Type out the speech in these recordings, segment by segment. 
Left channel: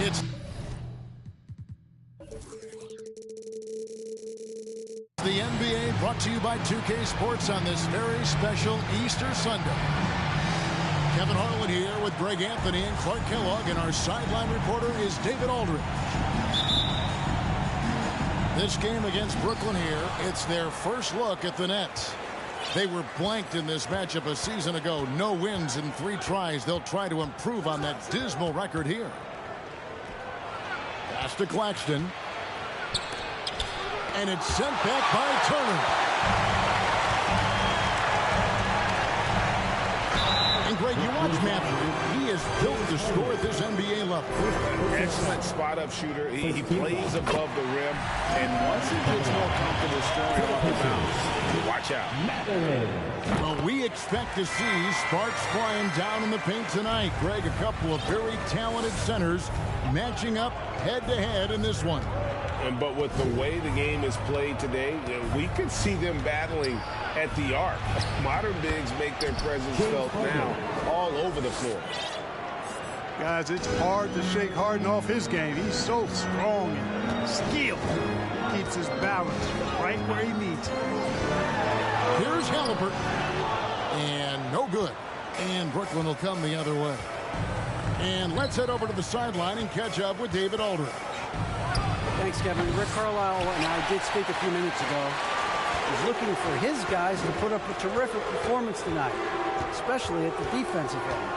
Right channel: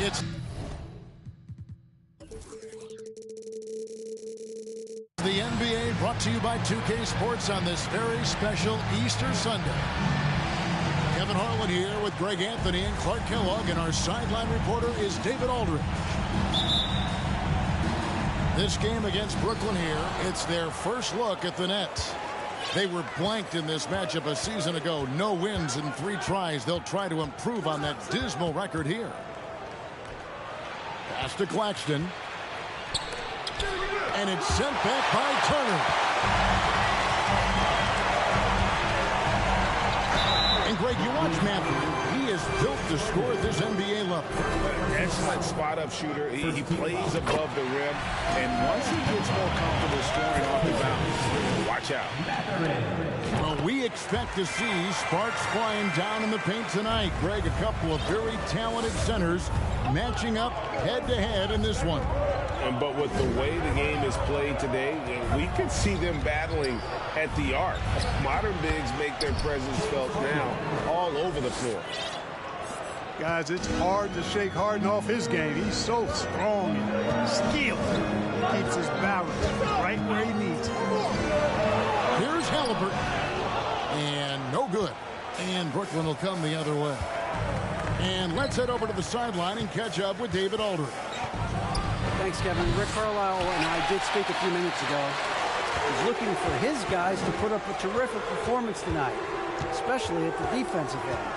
It's the NBA, brought to you by 2K Sports on this very special Easter Sunday. Kevin Harlan here with Greg Anthony and Clark Kellogg, and our sideline reporter is David Aldridge. This game against Brooklyn here, it's their first look at the Nets. They were blanked in this matchup a season ago. No wins in 3 tries. They'll try to improve on that dismal record here. Pass to Claxton. And it's sent back by Turner. And Greg, you watch Matthew. He is built to score at this NBA level. Excellent spot-up shooter. He plays above the rim. And once he gets more comfortable scoring off the bounce, watch out. Well, we expect to see sparks flying down in the paint tonight. Greg, a couple of very talented centers matching up head-to-head in this one. But with the way the game is played today, we could see them battling at the arc. Modern bigs make their presence felt now all over the floor. Guys, it's hard to shake Harden off his game. He's so strong and skilled. He keeps his balance right where he needs it. Here's Halliburton. And no good. And Brooklyn will come the other way. And let's head over to the sideline and catch up with David Aldridge. Thanks, Kevin. Rick Carlisle and I did speak a few minutes ago. He's looking for his guys to put up a terrific performance tonight, especially at the defensive end.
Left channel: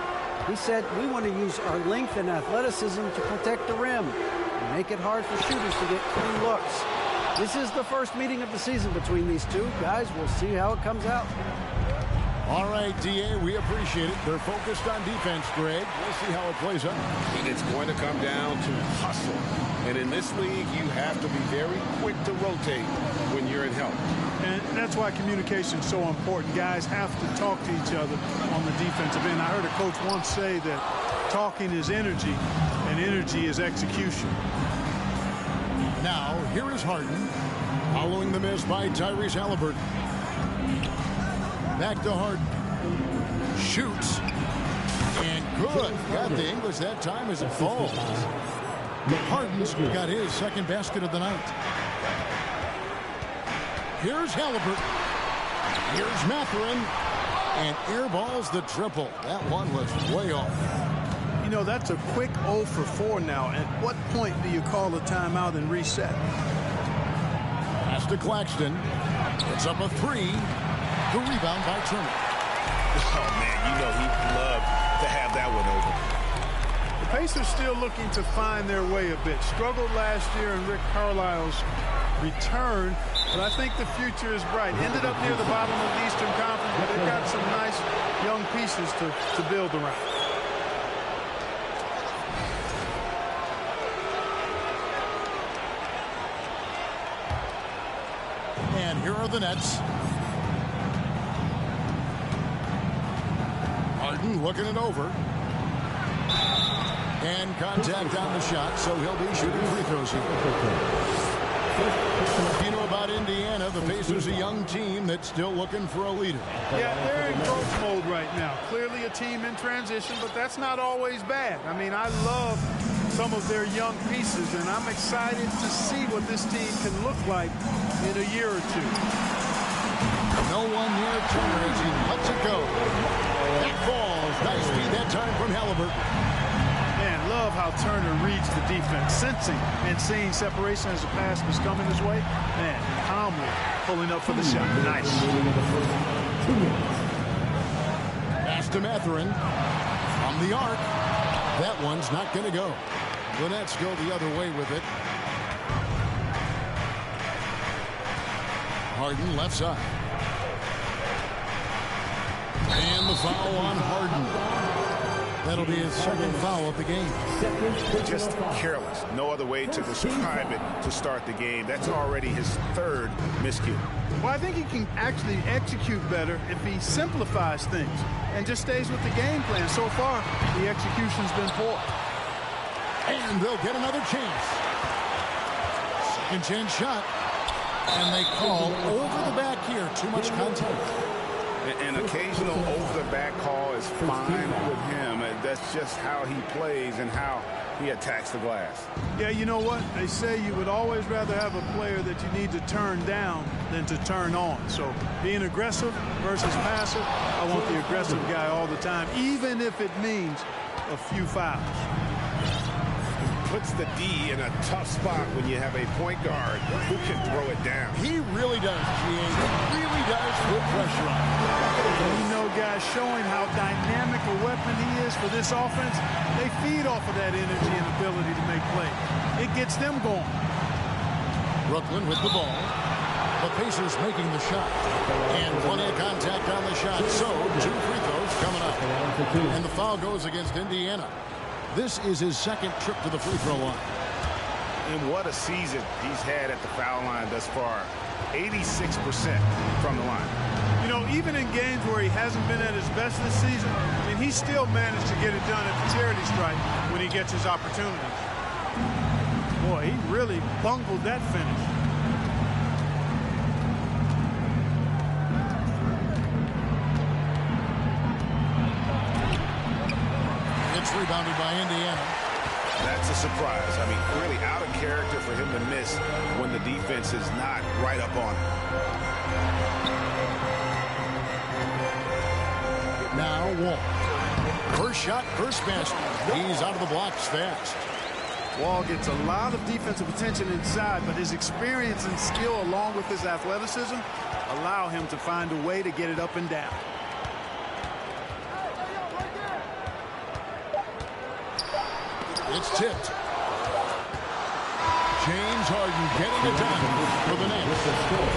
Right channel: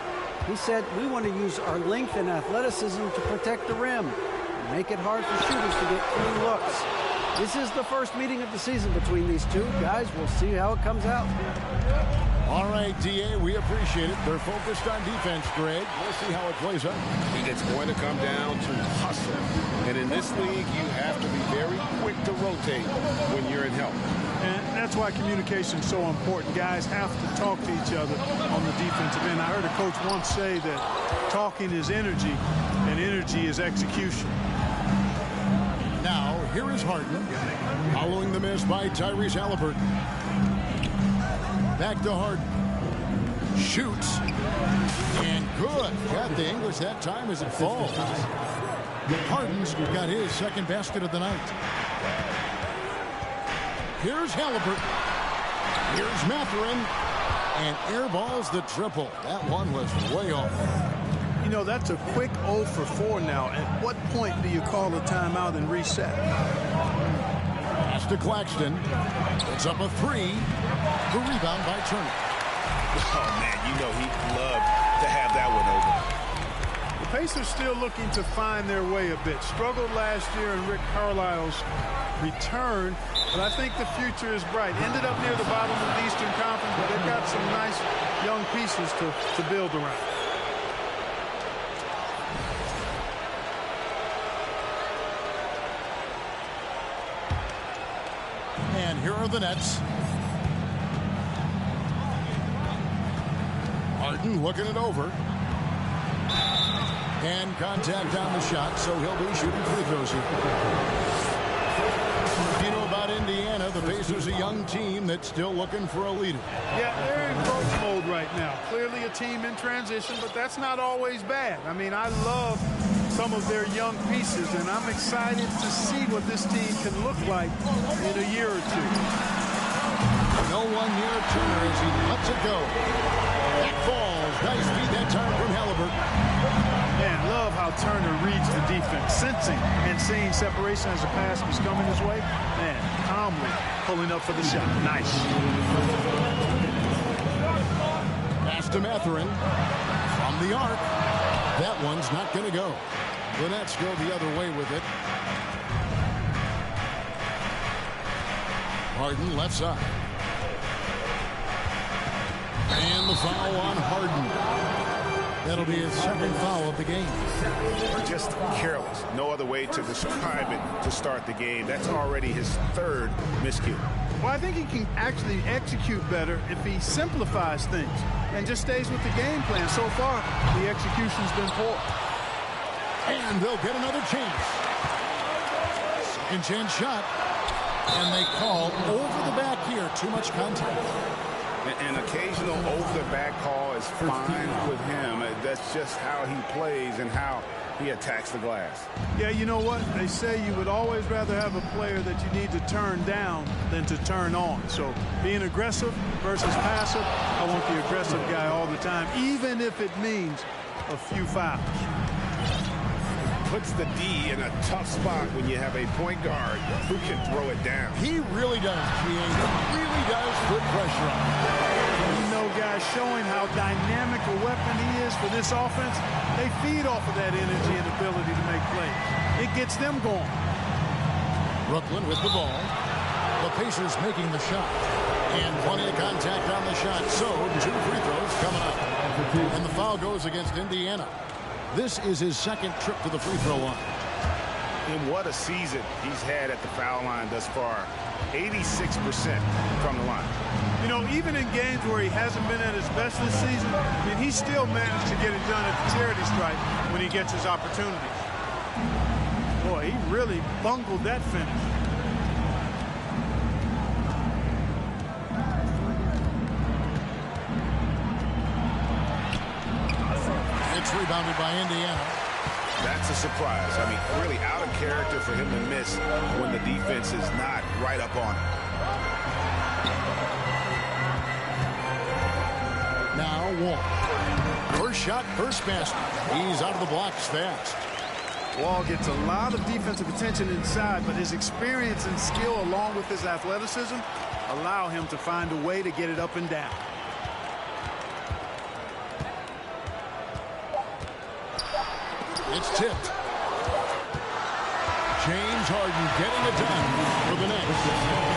He said, we want to use our length and athleticism to protect the rim and make it hard for shooters to get clean looks. This is the first meeting of the season between these two. Guys, we'll see how it comes out. All right, D.A., we appreciate it. They're focused on defense, Greg. We'll see how it plays out. It's going to come down to hustle. And in this league, you have to be very quick to rotate when you're in help. And that's why communication is so important. Guys have to talk to each other on the defensive end. I heard a coach once say that talking is energy, and energy is execution. Now, here is Harden, following the miss by Tyrese Halliburton. Back to Harden. Shoots. And good. Got the English that time as it falls. Harden's got his second basket of the night. Here's Halliburton. Here's Mathurin. And airballs the triple. That one was way off. You know, that's a quick 0 for 4 now. At what point do you call a timeout and reset? Pass to Claxton. It's up a 3. The rebound by Turner. Oh, man, you know he'd love to have that one over. The Pacers still looking to find their way a bit. Struggled last year in Rick Carlisle's return, but I think the future is bright. Ended up near the bottom of the Eastern Conference, but they've got some nice young pieces to build around. And here are the Nets. Harden looking it over. And contact on the shot, so he'll be shooting free throws here. You know about Indiana, the Pacers, a young team that's still looking for a leader. Yeah, they're in growth mode right now. Clearly a team in transition, but that's not always bad. I mean, I love some of their young pieces, and I'm excited to see what this team can look like in a year or two. No one near Turner as he lets it go. That falls. Nice feed that time from Halliburton. Man, love how Turner reads the defense, sensing and seeing separation as the pass was coming his way. Man, calmly pulling up for the shot. Nice. Pass to Mathurin from the arc. That one's not going to go. The Nets go the other way with it. Harden left side. And the foul on Harden. That'll be his second foul of the game. Just careless. No other way to describe it to start the game. That's already his third miscue. Well, I think he can actually execute better if he simplifies things and just stays with the game plan. So far, the execution's been poor. And they'll get another chance. Second chance shot. And they call over the back here. Too much contact. An occasional over-the-back call is fine with him. That's just how he plays and how he attacks the glass. Yeah, you know what? They say you would always rather have a player that you need to turn down than to turn on. So being aggressive versus passive, I want the aggressive guy all the time, even if it means a few fouls. Puts the D in a tough spot when you have a point guard who can throw it down. He really does, GA. He really does put pressure on him. And you know, guys, showing how dynamic a weapon he is for this offense, they feed off of that energy and ability to make plays. It gets them going. Brooklyn with the ball. The Pacers making the shot. And plenty of contact on the shot. So, 2 free throws coming up. And the foul goes against Indiana. This is his second trip to the free throw line. And what a season he's had at the foul line thus far. 86% from the line. You know, even in games where he hasn't been at his best this season, I mean, he still managed to get it done at the charity stripe when he gets his opportunities. Boy, he really bungled that finish. It's rebounded by Indiana. That's a surprise. I mean, really out of character for him to miss when the defense is not right up on him. Now Wall. First shot, first basket. He's out of the blocks fast. Wall gets a lot of defensive attention inside, but his experience and skill along with his athleticism allow him to find a way to get it up and down. It's tipped. James Harden getting it done for the Nets.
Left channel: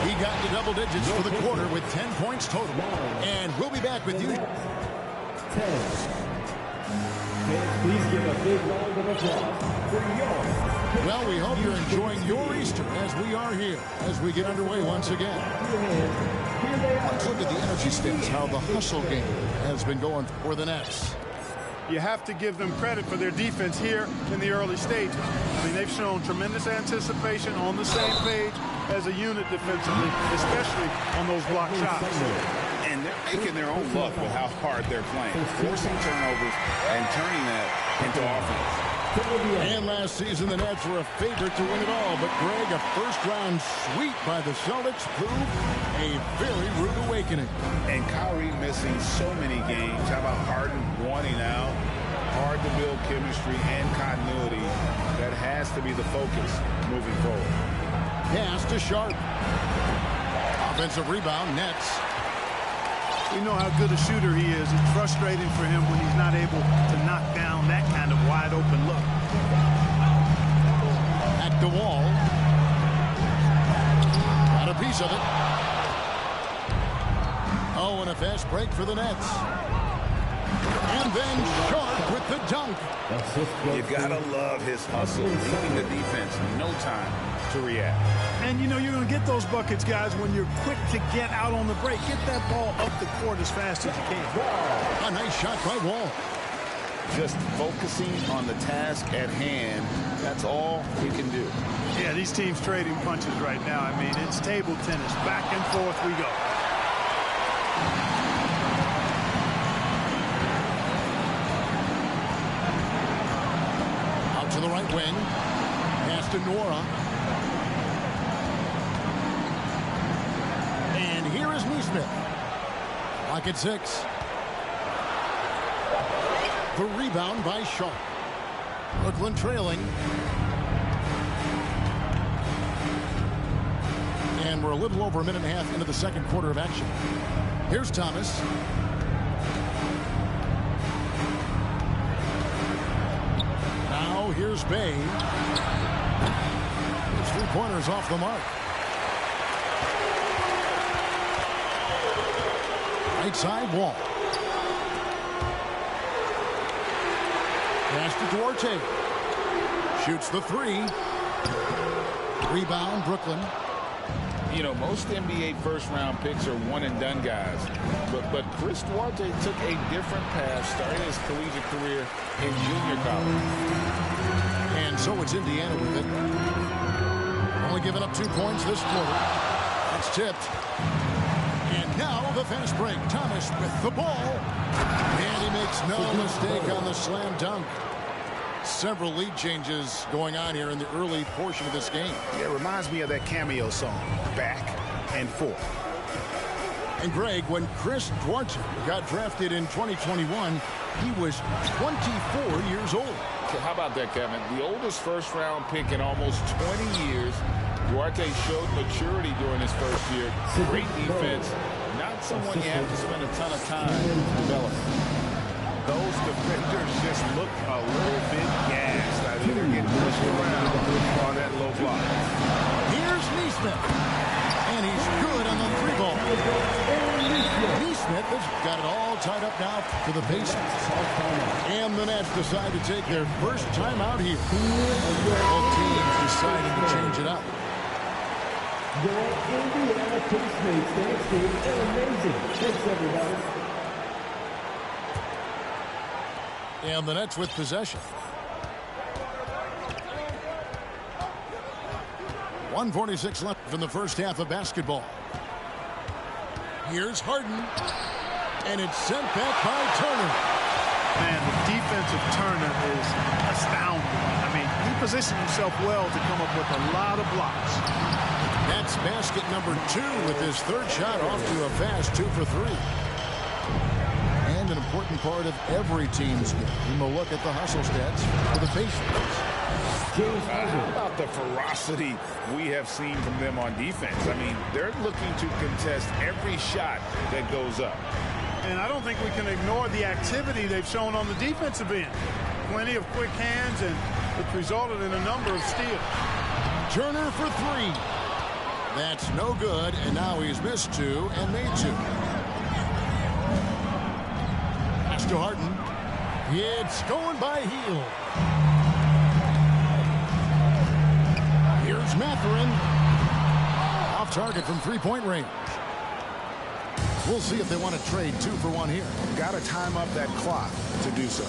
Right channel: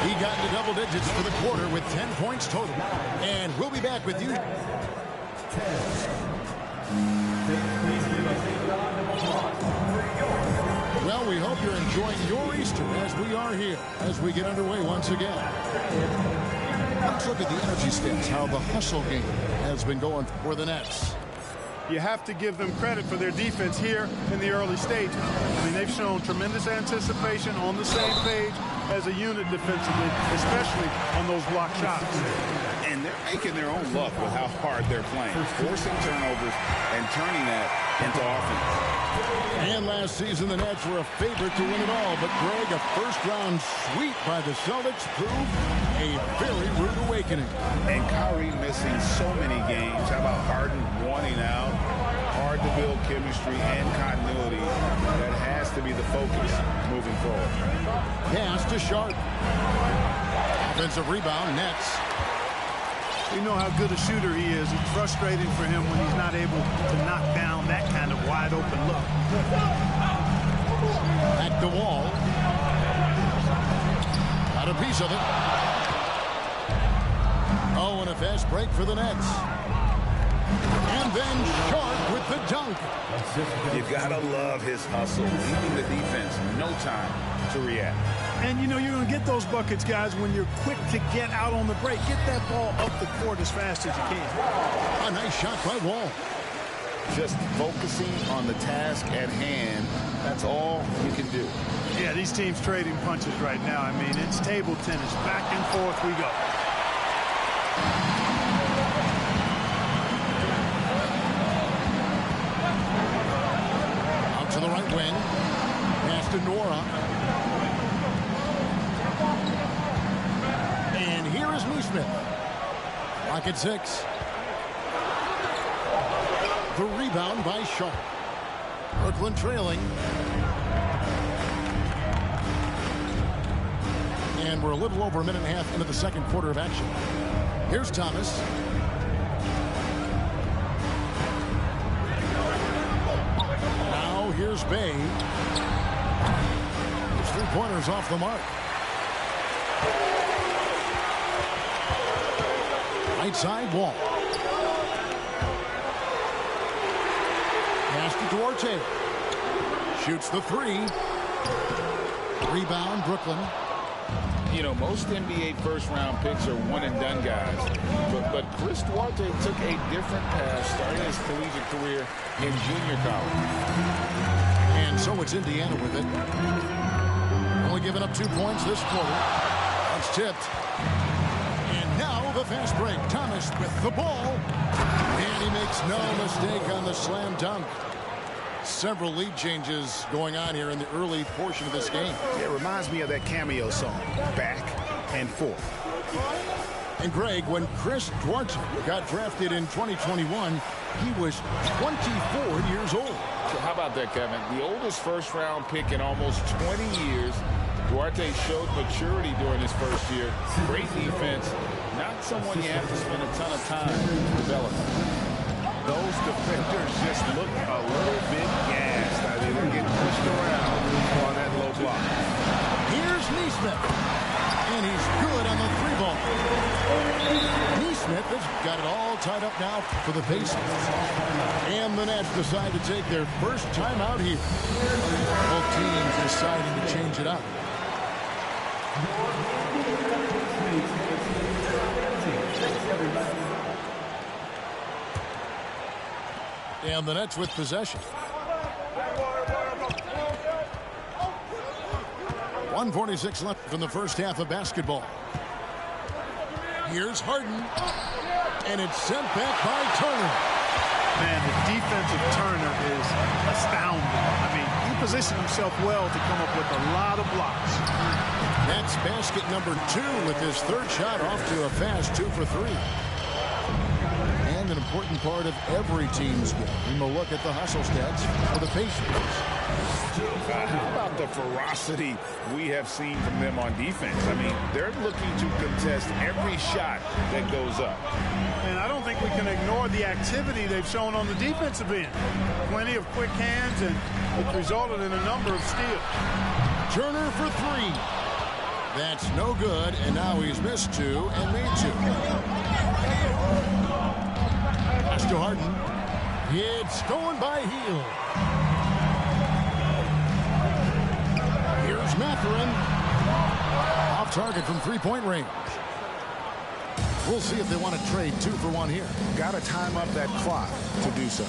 He got into double digits for the quarter with 10 points total. And we'll be back with you. Well, we hope you're enjoying your Easter as we are here as we get underway once again. Let's look at the energy stats, how the hustle game has been going for the Nets. You have to give them credit for their defense here in the early stages. I mean, they've shown tremendous anticipation, on the same page as a unit defensively, especially on those block shots. And they're making their own luck with how hard they're playing, forcing turnovers and turning that into offense. And last season, the Nets were a favorite to win it all. But, Greg, a first-round sweep by the Celtics proved a very rude awakening. And Kyrie missing so many games. How about Harden wanting out? Hard to build chemistry and continuity. That has to be the focus moving forward. Pass to Sharp. Offensive rebound, Nets. We know how good a shooter he is. It's frustrating for him when he's not able to knock down that kind of wide-open look. Back to Wall. Got a piece of it. Oh, and a fast break for the Nets. And then Sharp with the dunk. You gotta love his hustle, leaving the defense no time to react. And you know you're going to get those buckets, guys, when you're quick to get out on the break. Get that ball up the court as fast as you can. A nice shot by Wall. Just focusing on the task at hand, that's all you can do. Yeah, these teams trading punches right now. I mean, it's table tennis. Back and forth we go. to the right wing. Pass to Nora. And here is Neesmith. Lock at 6. The rebound by Sharp. Brooklyn trailing. And we're a little over a minute and a half into the second quarter of action. Here's Thomas. Now here's Bay. His three-pointers off the mark. Right side Wall. Pass to Duarte. Shoots the 3. Rebound Brooklyn. You know, most NBA first-round picks are one-and-done guys. But Chris Duarte took a different path starting his collegiate career in junior college. And so it's Indiana with it. Only giving up 2 points this quarter. That's tipped. And now the fast break. Thomas with the ball. And he makes no mistake on the slam dunk. Several lead changes going on here in the early portion of this game. Yeah, it reminds me of that Cameo song, Back and Forth. And Greg, when Chris Duarte got drafted in 2021, he was 24 years old. How about that, Kevin? The oldest first-round pick in almost 20 years. Duarte showed maturity during his first year. Great defense. Not someone you have to spend a ton of time developing. Those defenders just look a little bit gassed. I mean, they're getting pushed around on that low block. Here's Neesmith. And he's good on the 3-ball. Neesmith has got it all tied up now for the Pacers. And the Nets decide to take their first time out here. Both teams deciding to change it up. Your Indiana Pacers game is amazing. Thanks, everybody. And the Nets with possession. 1:46 left from the first half of basketball. Here's Harden. And it's sent back by Turner. Man, the defense of Turner is astounding. I mean, he positioned himself well to come up with a lot of blocks. That's basket number 2 with his third shot off to a fast 2 for 3. And an important part of every team's game. We'll look at the hustle stats for the Pacers. How about the ferocity we have seen from them on defense? I mean, they're looking to contest every shot that goes up. And I don't think we can ignore the activity they've shown on the defensive end. Plenty of quick hands, and it's resulted in a number of steals. Turner for 3. That's no good, and now he's missed 2 and made 2. Pass to Harden. It's going by Hield. Here's Mathurin. Off target from 3-point range. We'll see if they want to trade 2 for 1 here. Got to time up that clock to do so.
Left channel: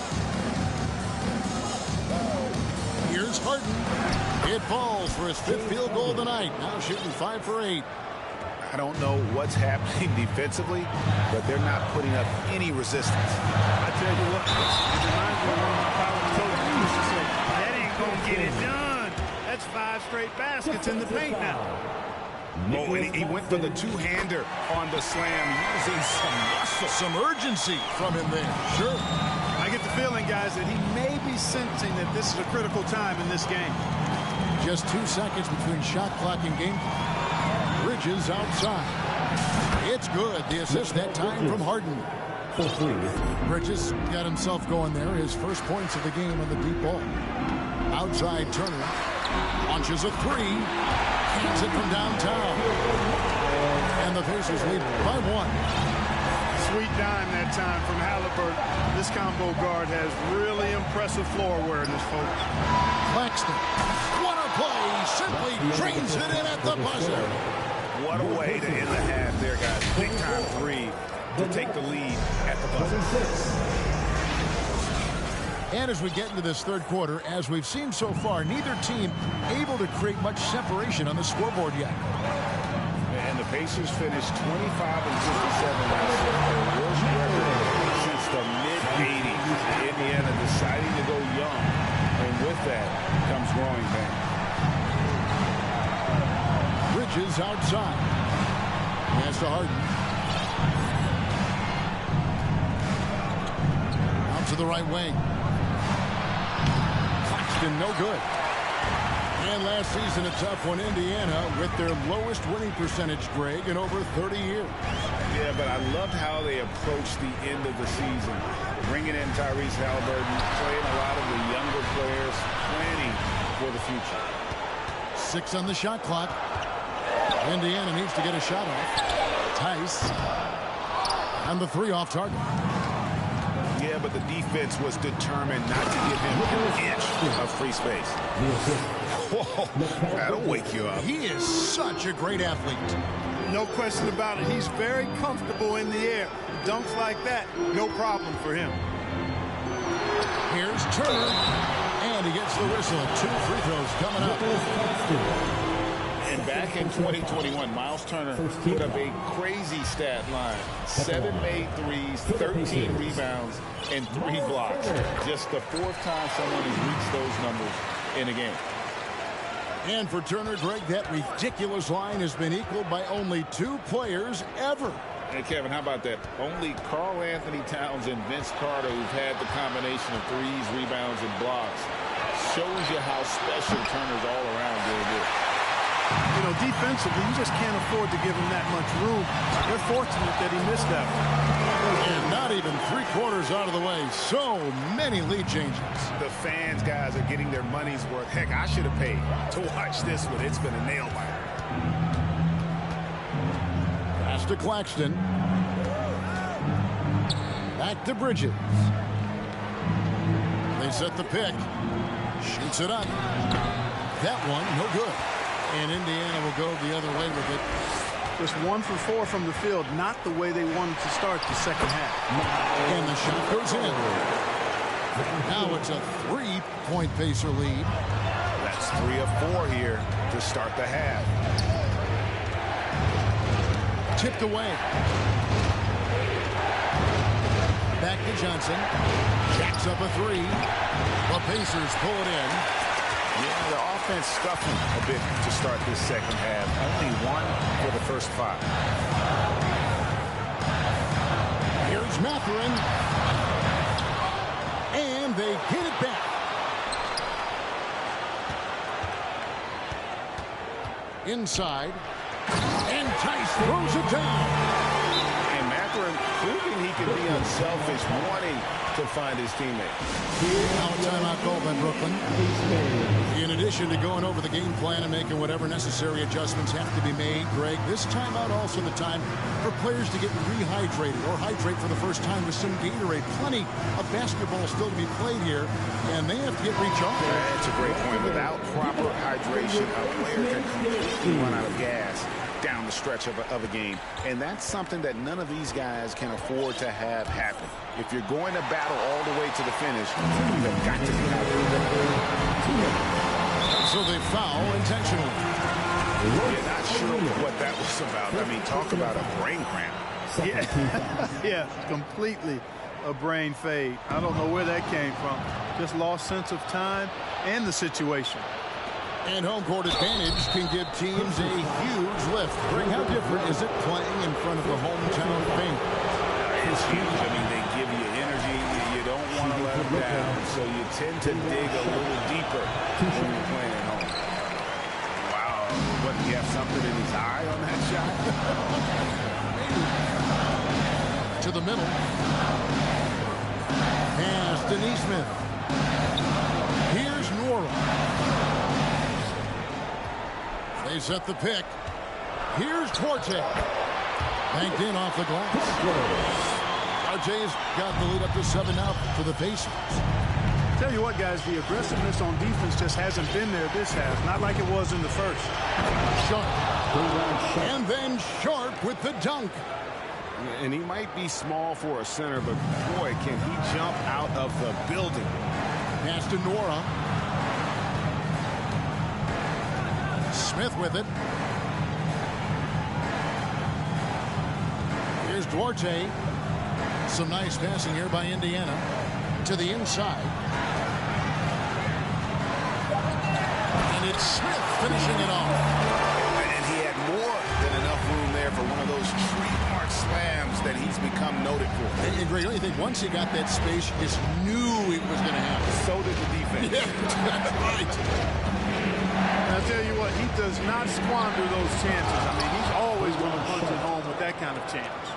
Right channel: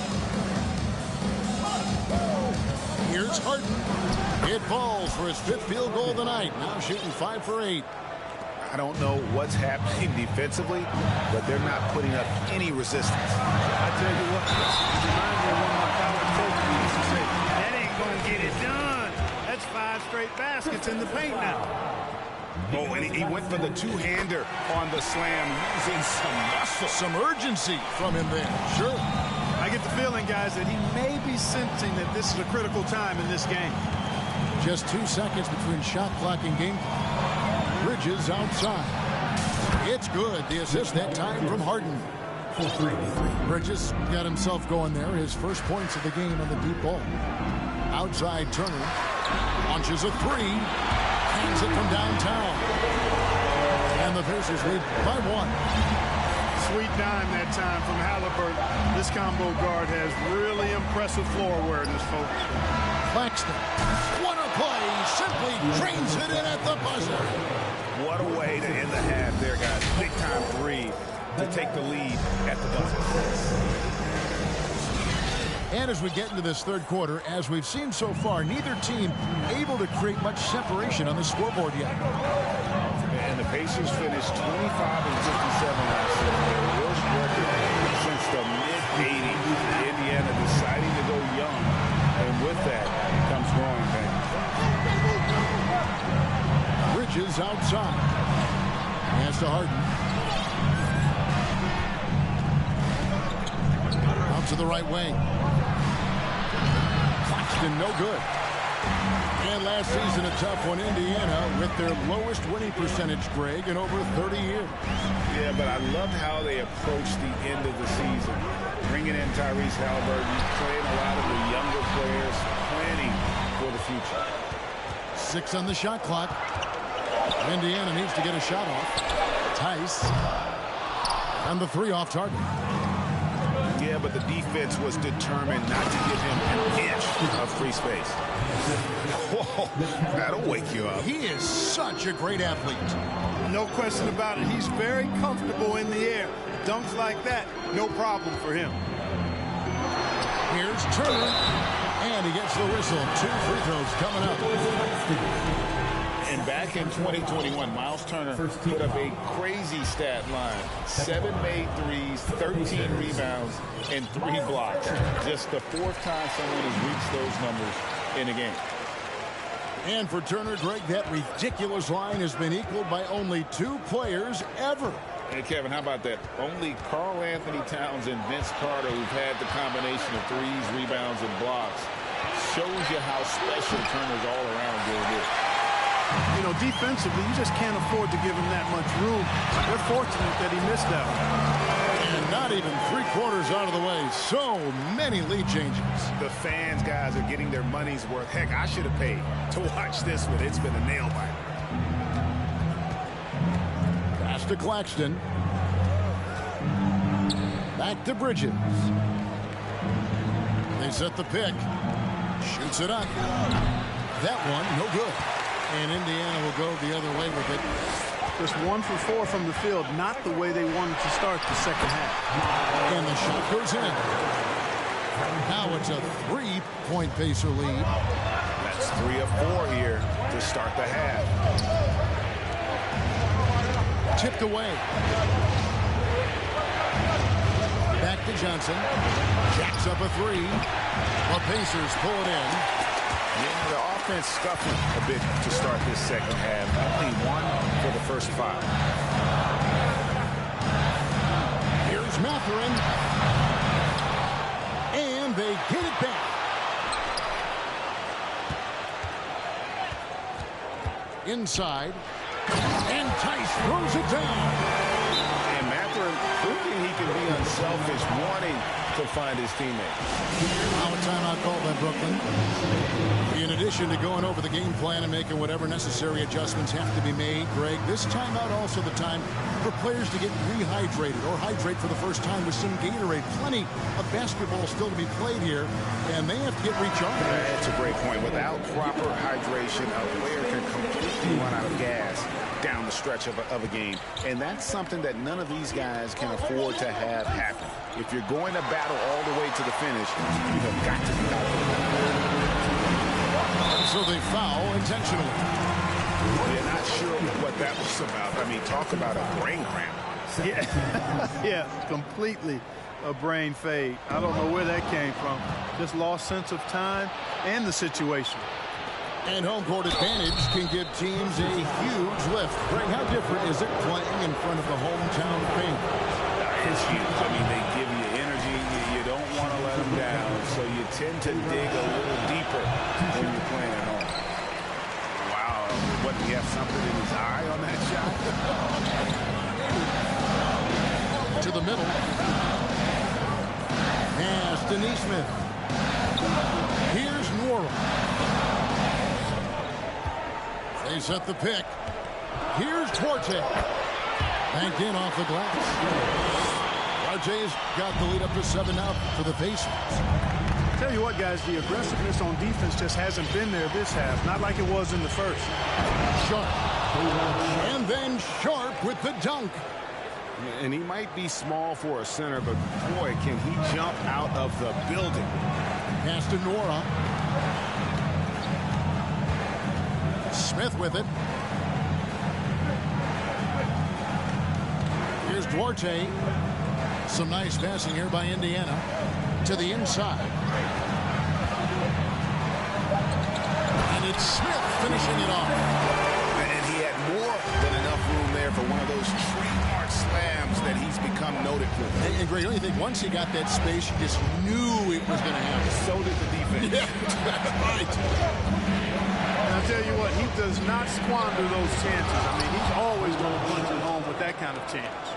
Here's Harden. It falls for his 5th field goal of the night. Now shooting 5 for 8. I don't know what's happening defensively, but they're not putting up any resistance. I tell you what, it reminds me of one of my college coaches who used to say, that ain't going to get it done. That's 5 straight baskets in the paint now. Oh, and he went for the two-hander on the slam using some muscle. Some urgency from him there. Sure. I get the feeling, guys, that he may be sensing that this is a critical time in this game. Just 2 seconds between shot clock and game clock. Bridges outside. It's good. The assist that time from Harden. Bridges got himself going there. His first points of the game on the deep ball. Outside Turner. Launches a 3. Hands it from downtown. And the Pacers lead by 1. Sweet dime that time from Halliburton. This combo guard has really impressive floor awareness, folks. Claxton. What a play. Simply drains it in at the buzzer. What a way to end the half there, guys. Big time 3 to take the lead at the buzzer. And as we get into this third quarter, as we've seen so far, neither team able to create much separation on the scoreboard yet. And the Pacers finished 25-57 last season, their worst record since the mid-'80s. Indiana deciding to go young, and with that comes growing pains. Bridges outside. Pass to Harden. Out to the right wing. Claxton, no good. And last season, a tough one, Indiana, with their lowest winning percentage, Greg, in over 30 years. Yeah, but I loved how they approached the end of the season. Bringing in Tyrese Halliburton, playing a lot of the younger players, planning for the future. 6 on the shot clock. Indiana needs to get a shot off. Tice. And the 3 off target. Yeah, but the defense was determined not to give him an inch of free space. Whoa, that'll wake you up. He is such a great athlete. No question about it. He's very comfortable in the air. Dunks like that, no problem for him. Here's Turner. And he gets the whistle. 2 free throws coming up. And back in 2021, Miles Turner put up a crazy stat line. 7 made threes, 13 rebounds, and 3 blocks. Just the 4th time someone has reached those numbers in a game. And for Turner, Greg, that ridiculous line has been equaled by only 2 players ever. Hey, Kevin, how about that? Only Karl Anthony Towns and Vince Carter, who've had the combination of threes, rebounds, and blocks, shows you how special Turner's all-around game is. You know, defensively, you just can't afford to give him that much room. They're fortunate that he missed that one. And not even 3/4 out of the way. So many lead changes. The fans, guys, are getting their money's worth. Heck, I should have paid to watch this one. It's been a nail-biter. Pass to Claxton. Back to Bridges. They set the pick. Shoots it up. That one, no good. And Indiana will go the other way with it. Just 1 for 4 from the field, not the way they wanted to start the second half. And the shot goes in. Now it's a 3-point Pacer lead. That's 3 of 4 here to start the half. Tipped away. Back to Johnson. Jacks up a 3. The Pacers pull it in. Yeah, the offense scuffling a bit to start this second half. Only 1 for the first 5. Here's Mathurin. And they get it back. Inside. And Tice throws it down. And Mathurin proving he can be unselfish, wanting to find his teammates. Now a timeout called by Brooklyn. In addition to going over the game plan and making whatever necessary adjustments have to be made, Greg, this timeout also the time for players to get rehydrated or hydrate for the first time with some Gatorade. Plenty of basketball still to be played here, and they have to get recharged. That's a great point. Without proper hydration, a player can completely run out of gas down the stretch of a game. And that's something that none of these guys can afford to have happen. If you're going to battle all the way to the finish, you have got to be hydrated. So they foul intentionally. You're not sure what that was about. I mean, talk about a brain cramp. Yeah, yeah, completely a brain fade. I don't know where that came from. Just lost sense of time and the situation. And home court advantage can give teams a huge lift. Greg, how different is it playing in front of the hometown fans? It's huge. I mean, they give you energy. You don't want to let them down, so you tend to dig a little deeper when you're playing at home. Wow. What, do you have something in his eye on that shot? To the middle. Pass to Neesmith. Here's Nora. They set the pick. Here's Duarte. Banked in off the glass. Duarte's got the lead up to 7 now for the Pacers. Tell you what, guys, the aggressiveness on defense just hasn't been there this half. Not like it was in the first. Sharp. And then Sharp with the dunk. And he might be small for a center, but boy, can he jump out of the building. Pass to Nora. Smith with it. Here's Duarte. Some nice passing here by Indiana to the inside. And it's Smith finishing it off. And he had more than enough room there for one of those trademark slams that he's become noted for. And Greg, don't you think once he got that space, you just knew it was going to happen? So did the defense. Yeah, that's right. And I'll tell you what, he does not squander those chances. I mean, he's always going to punch it home with that kind of chance.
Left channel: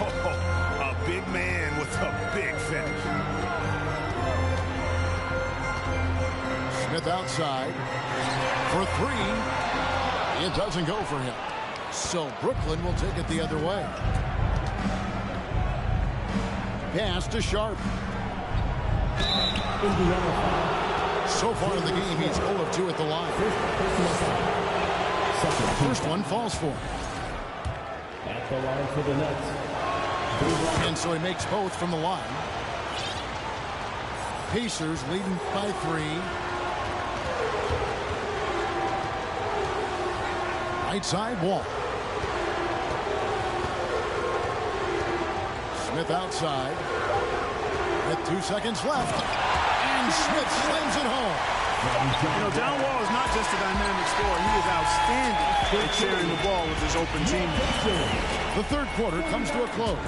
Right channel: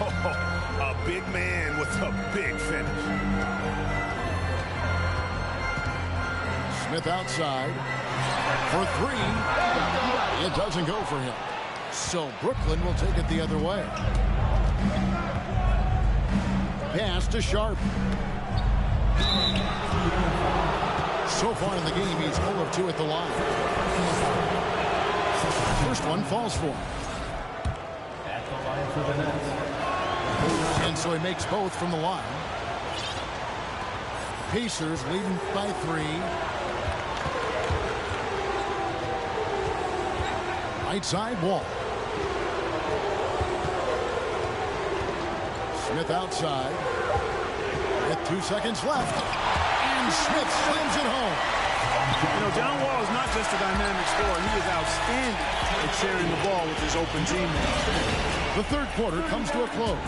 A big man with a big finish. Smith outside for three. It doesn't go for him. So Brooklyn will take it the other way. Pass to Sharp. So far in the game, he's 0 of 2 at the line. First one falls for him. At the line for the Nets. And so he makes both from the line. Pacers leading by 3. Right side Wall. Smith outside. With 2 seconds left. And Smith slams it home. You know, John Wall is not just a dynamic scorer. He is outstanding at sharing the ball with his open teammates. The third quarter comes to a close.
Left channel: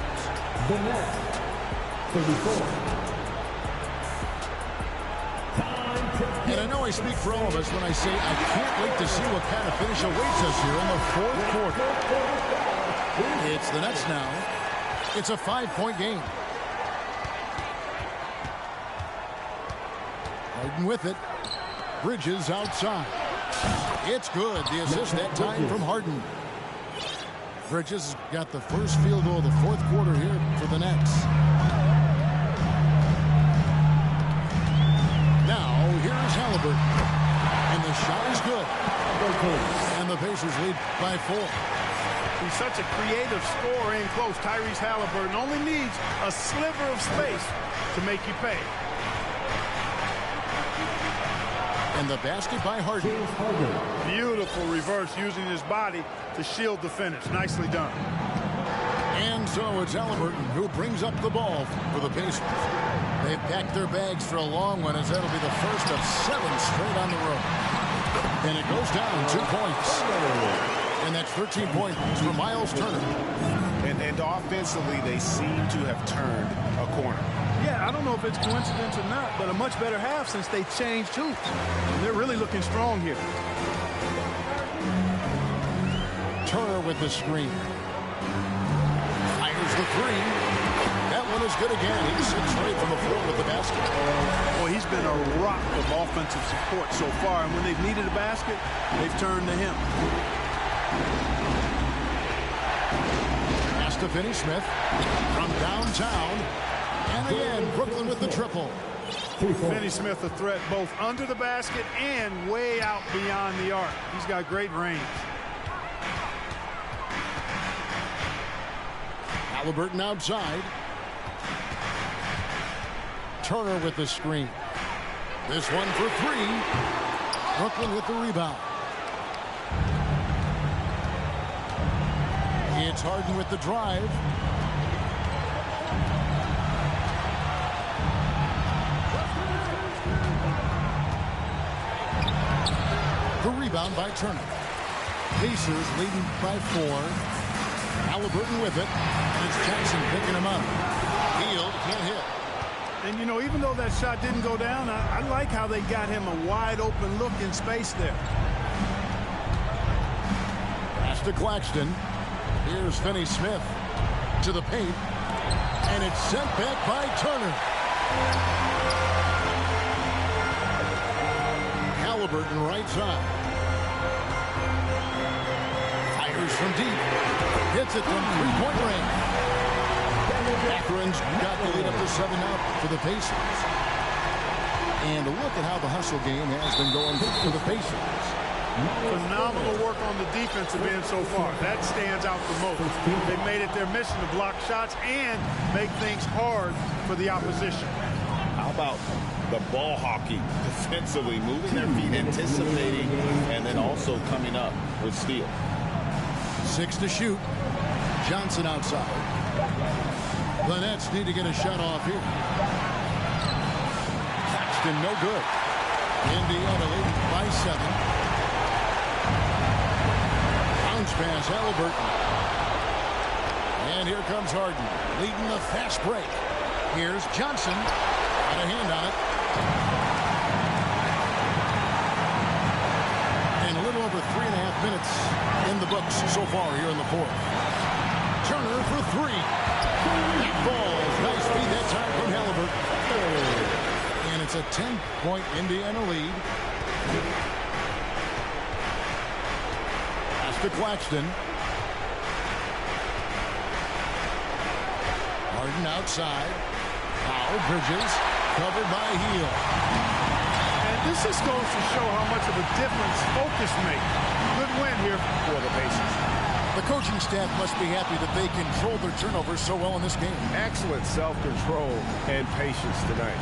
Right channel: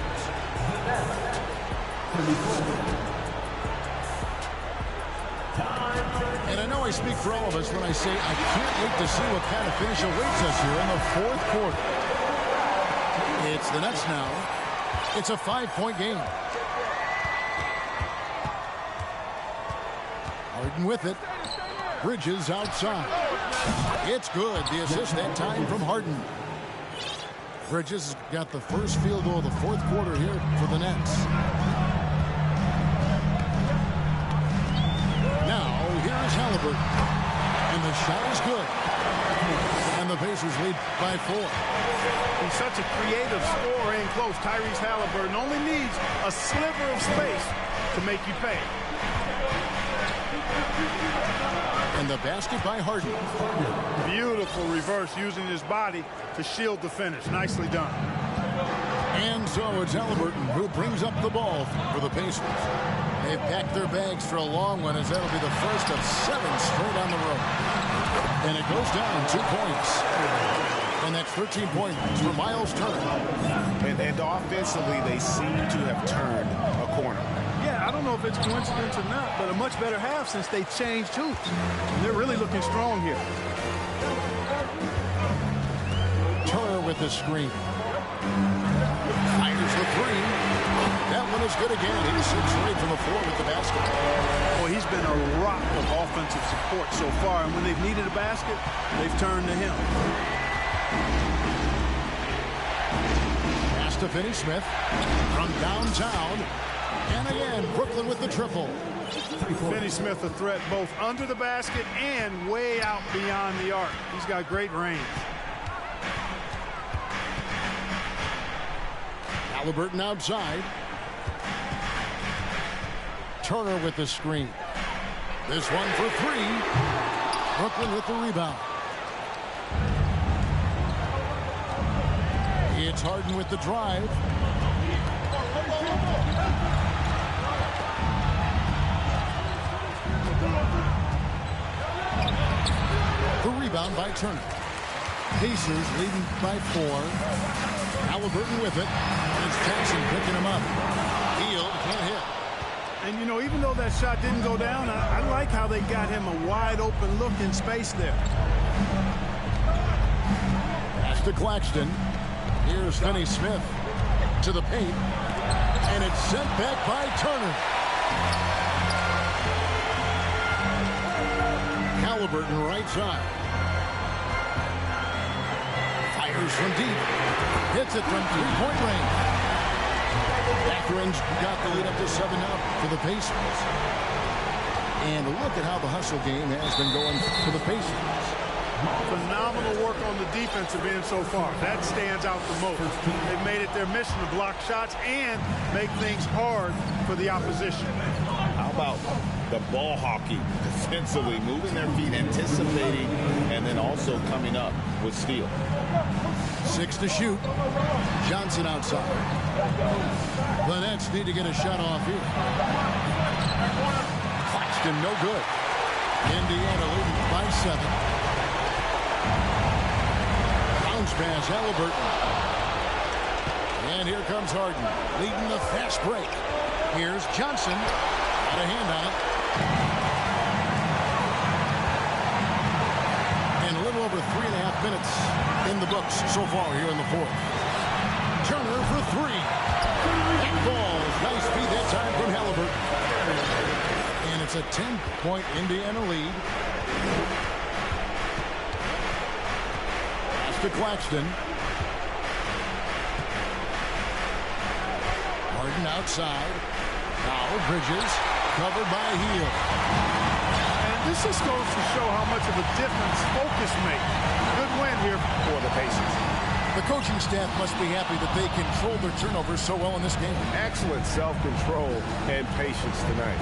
The Nets. 34. And I know I speak for all of us when I say I can't wait to see what kind of finish awaits us here in the fourth quarter. It's the Nets now. It's a 5-point game. Harden with it. Bridges outside. It's good. The assist that time from Harden. Bridges has got the first field goal of the fourth quarter here for the Nets. Now, here's Halliburton. And the shot is good. And the Pacers lead by 4. He's such a creative scorer in close. Tyrese Halliburton only needs a sliver of space to make you pay. And the basket by Harden. Beautiful reverse using his body to shield the finish. Nicely done. And so it's Halliburton who brings up the ball for the Pacers. They've packed their bags for a long one, as that'll be the first of 7 straight on the road. And it goes down 2 points. And that's 13 points for Miles Turner. And offensively, they seem to have turned a corner. Yeah, I don't know if it's coincidence or not, but a much better half since they changed hoops. And they're really looking strong here. Turner with the screen. Fires the 3. That one is good again. He's 6 straight from the floor with the basket. Boy, he's been a rock of offensive support so far, and when they've needed a basket, they've turned to him. Pass to Finney Smith from downtown. And again, Brooklyn with the triple. Finney Smith a threat both under the basket and way out beyond the arc. He's got great range. Halliburton outside. Turner with the screen. This one for 3. Brooklyn with the rebound. It's Harden with the drive. The rebound by Turner. Pacers leading by 4. Halliburton with it. And it's Jackson picking him up. Hield can't hit. And, you know, even though that shot didn't go down, I like how they got him a wide open look in space there. Pass to Claxton. Here's Finney Smith to the paint. And it's sent back by Turner. Halliburton right side. Fires from deep. Hits it from 3-point range. Matherin's got the lead up to 7 now for the Pacers. And look at how the hustle game has been going for the Pacers. Phenomenal work on the defensive end so far. That stands out the most. They've made it their mission to block shots and make things hard for the opposition. How about the ball hawking defensively, moving their feet, anticipating, and then also coming up with steal. 6 to shoot. Johnson outside. The Nets need to get a shot off here. Claxton, no good. Indiana leading by 7. Bounce pass, Halliburton. And here comes Harden, leading the fast break. Here's Johnson. Got a hand on it. And a little over 3.5 minutes in the books so far here in the fourth. Turner for 3. That falls. Nice feed that time from Halliburton. And it's a 10-point Indiana lead. Pass to Claxton. Harden outside. Now Bridges covered by Hield. And this just goes to show how much of a difference focus makes. Good win here for the Pacers. The coaching staff must be happy that they controlled their turnovers so well in this game. Excellent self-control and patience tonight.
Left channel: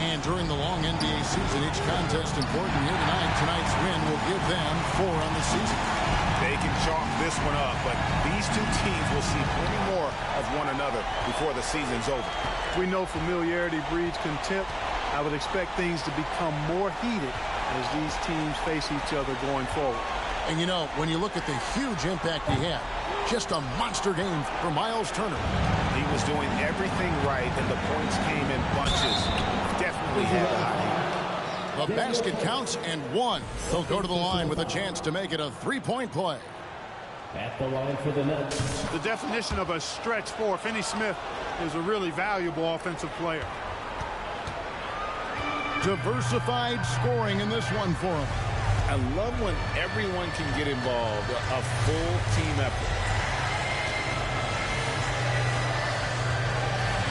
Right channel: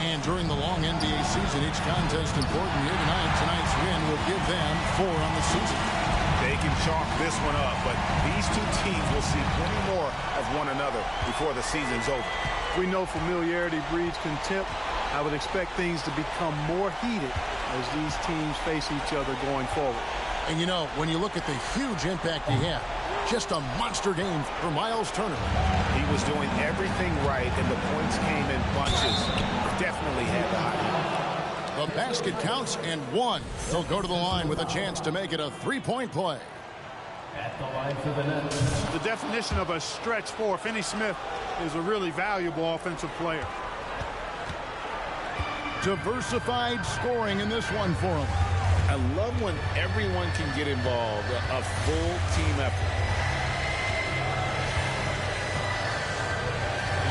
And during the long NBA season, each contest important here tonight. Tonight's win will give them 4 on the season. They can chalk this one up, but these two teams will see plenty more of one another before the season's over. We know familiarity breeds contempt. I would expect things to become more heated as these teams face each other going forward. And you know, when you look at the huge impact he had, just a monster game for Miles Turner. He was doing everything right, and the points came in bunches. Definitely had the hot heat. The basket counts and 1. They'll go to the line with a chance to make it a 3-point play. At the line for the Nets. The definition of a stretch 4. Finney Smith is a really valuable offensive player. Diversified scoring in this one for him. I love when everyone can get involved, a full team effort.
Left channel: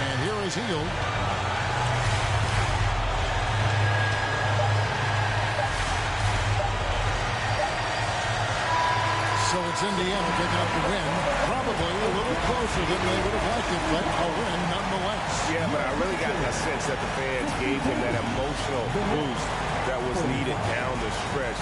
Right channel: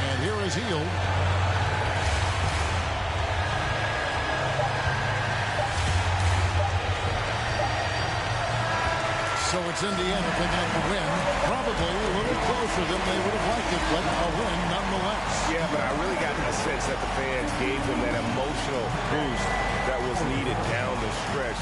And here is Hield. So it's Indiana picking up the win. Probably a little closer than they would have liked it, but a win nonetheless. Yeah, but I really got a sense that the fans gave them that emotional boost that was needed down the stretch.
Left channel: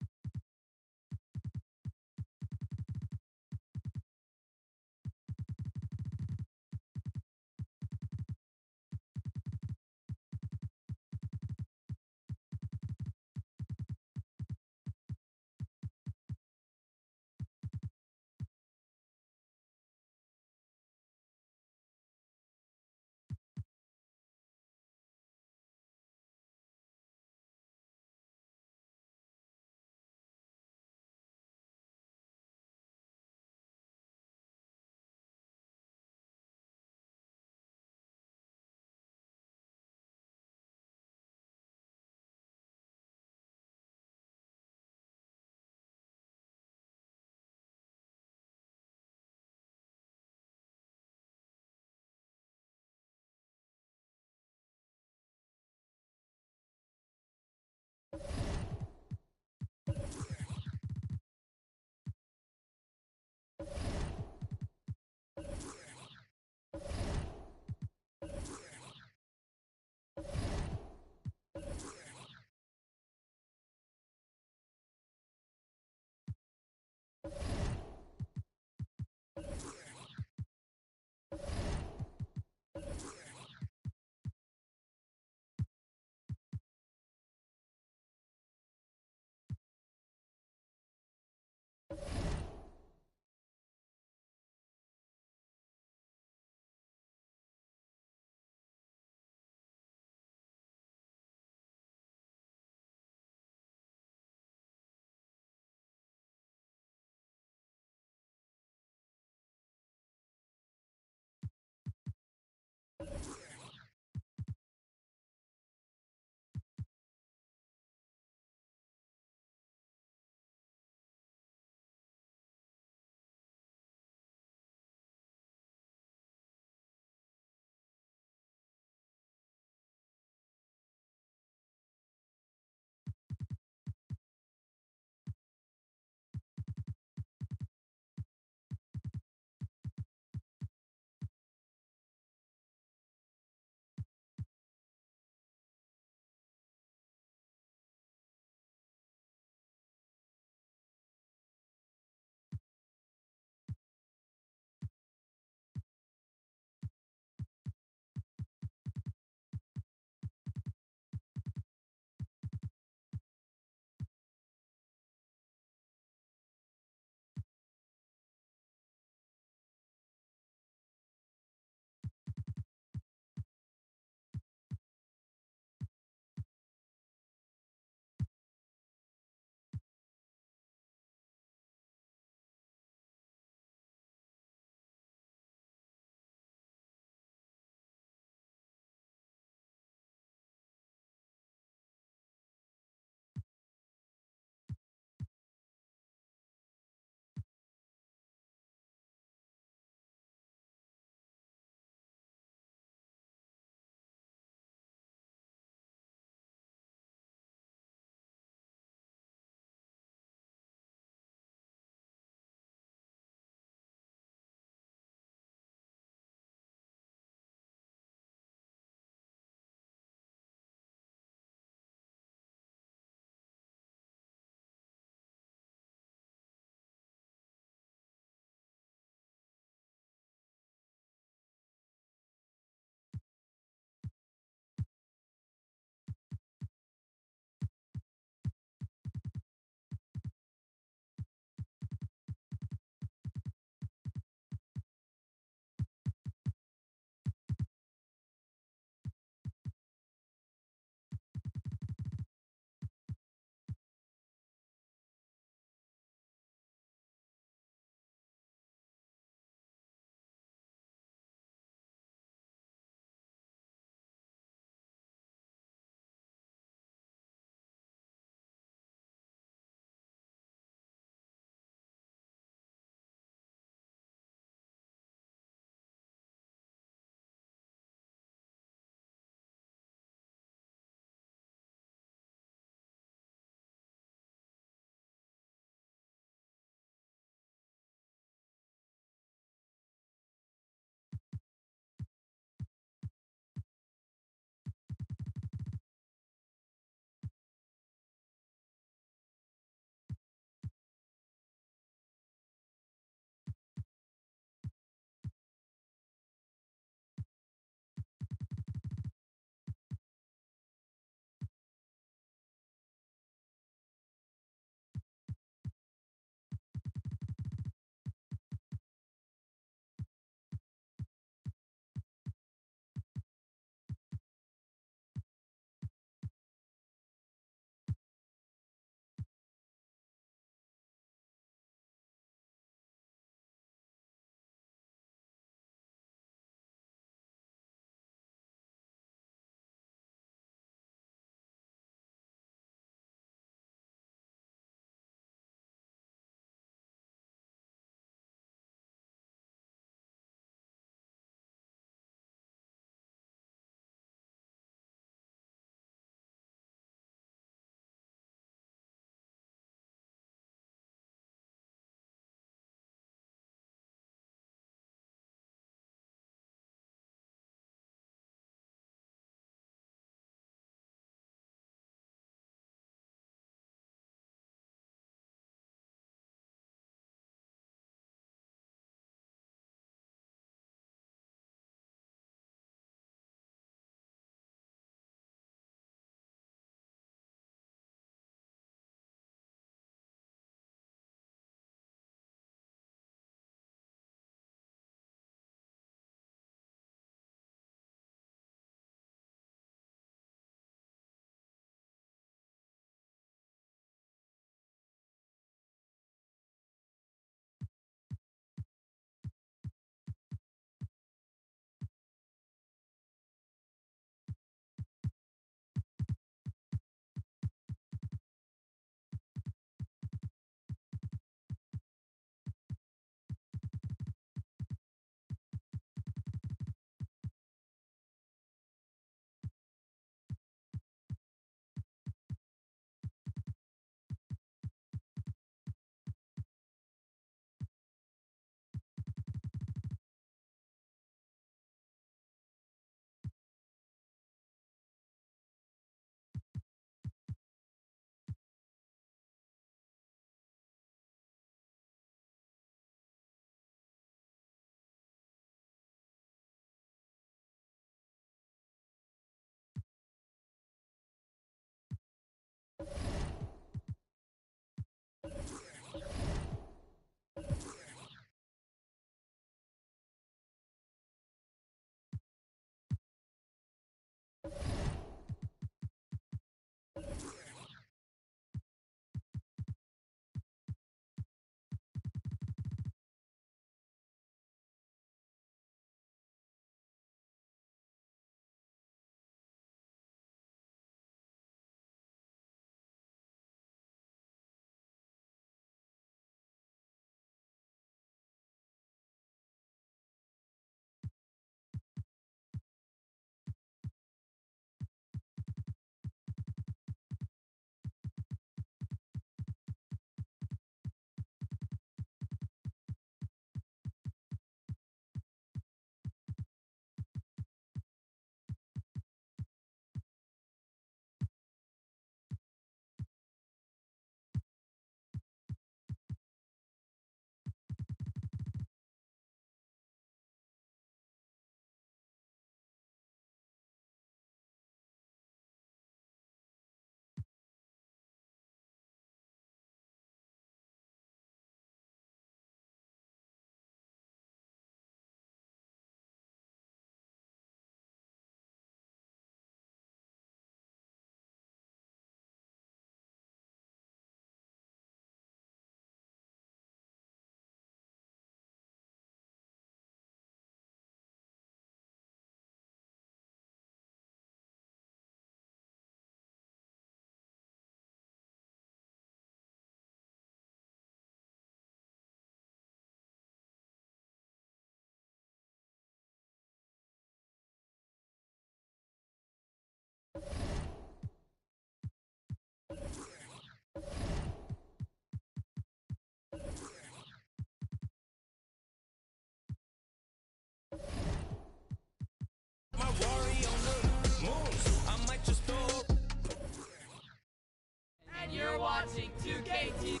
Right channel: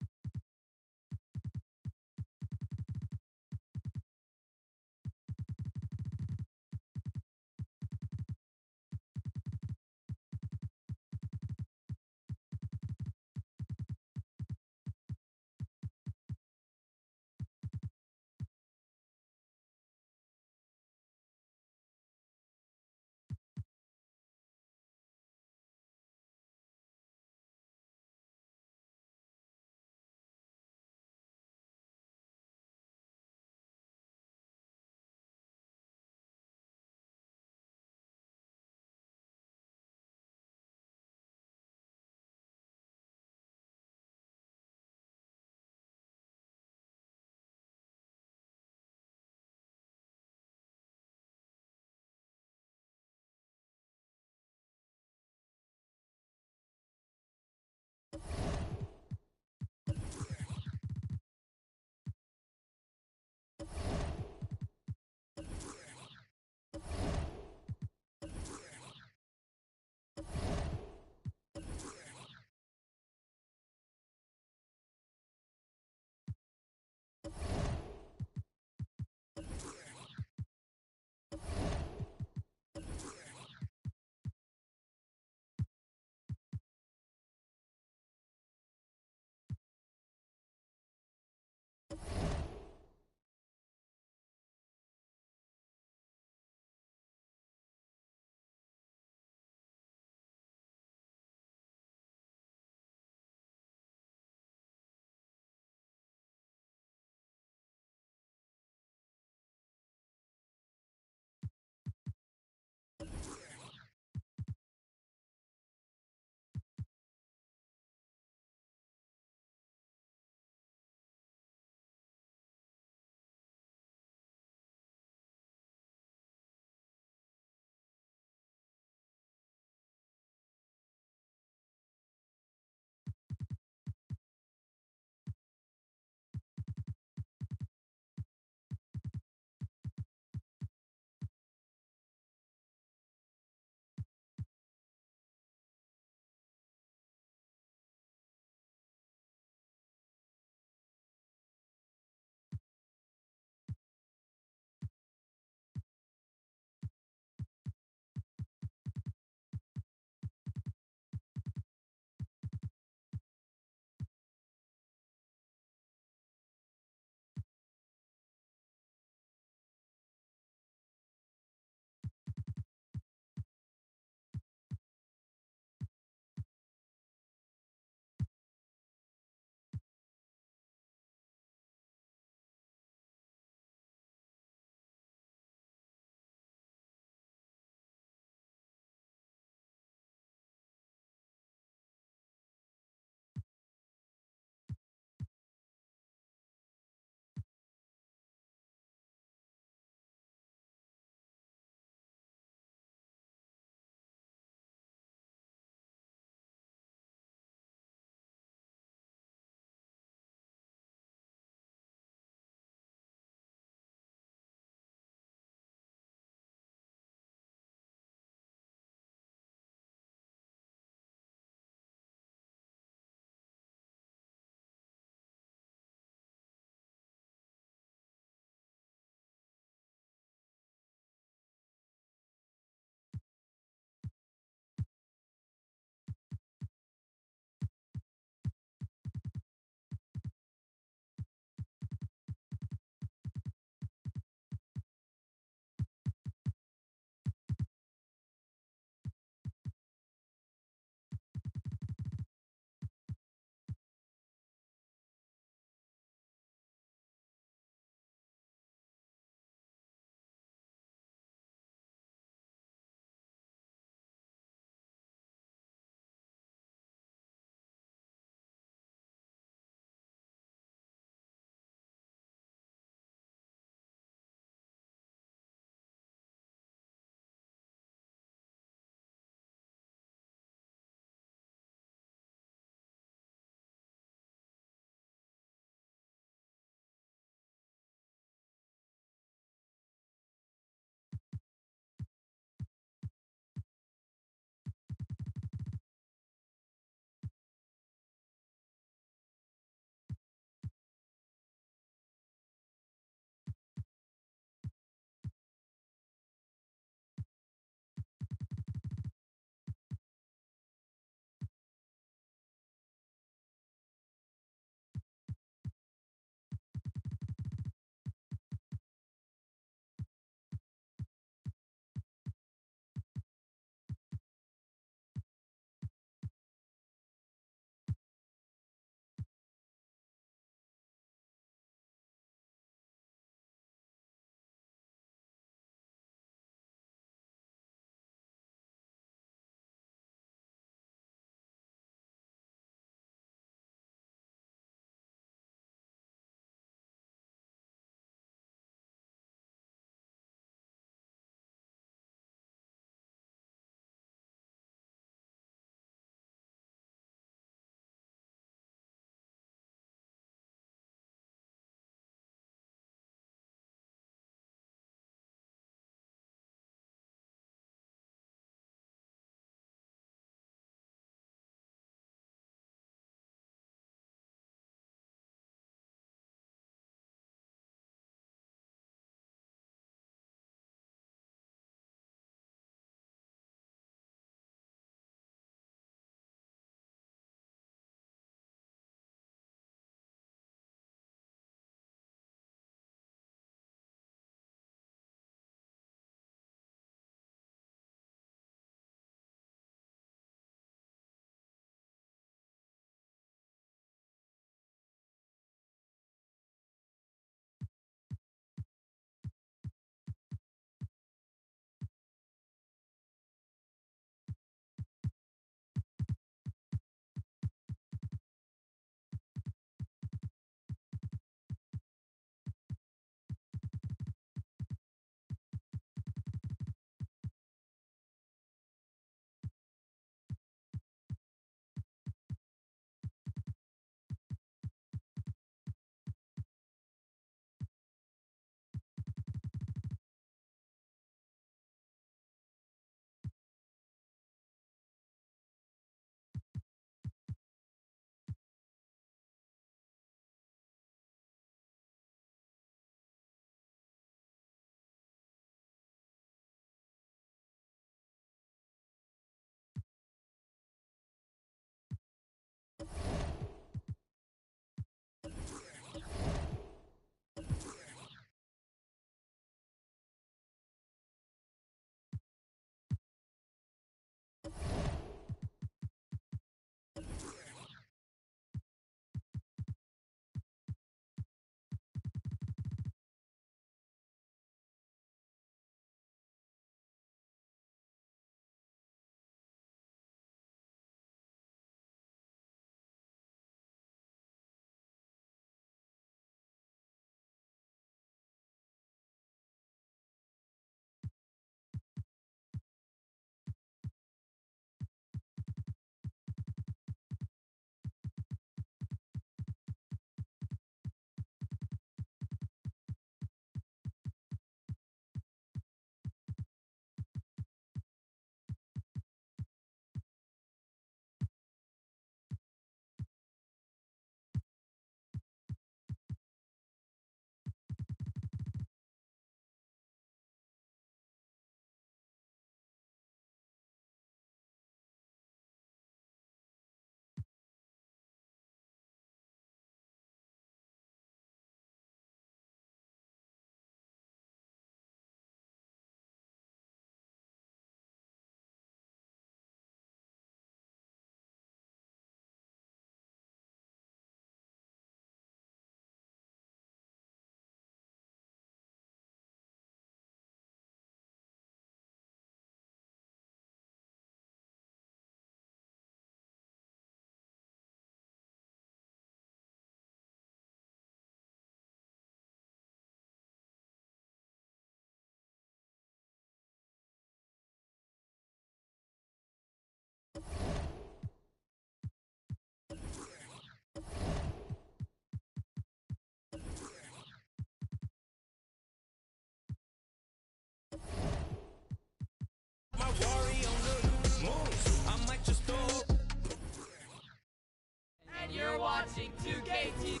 watching 2K TV.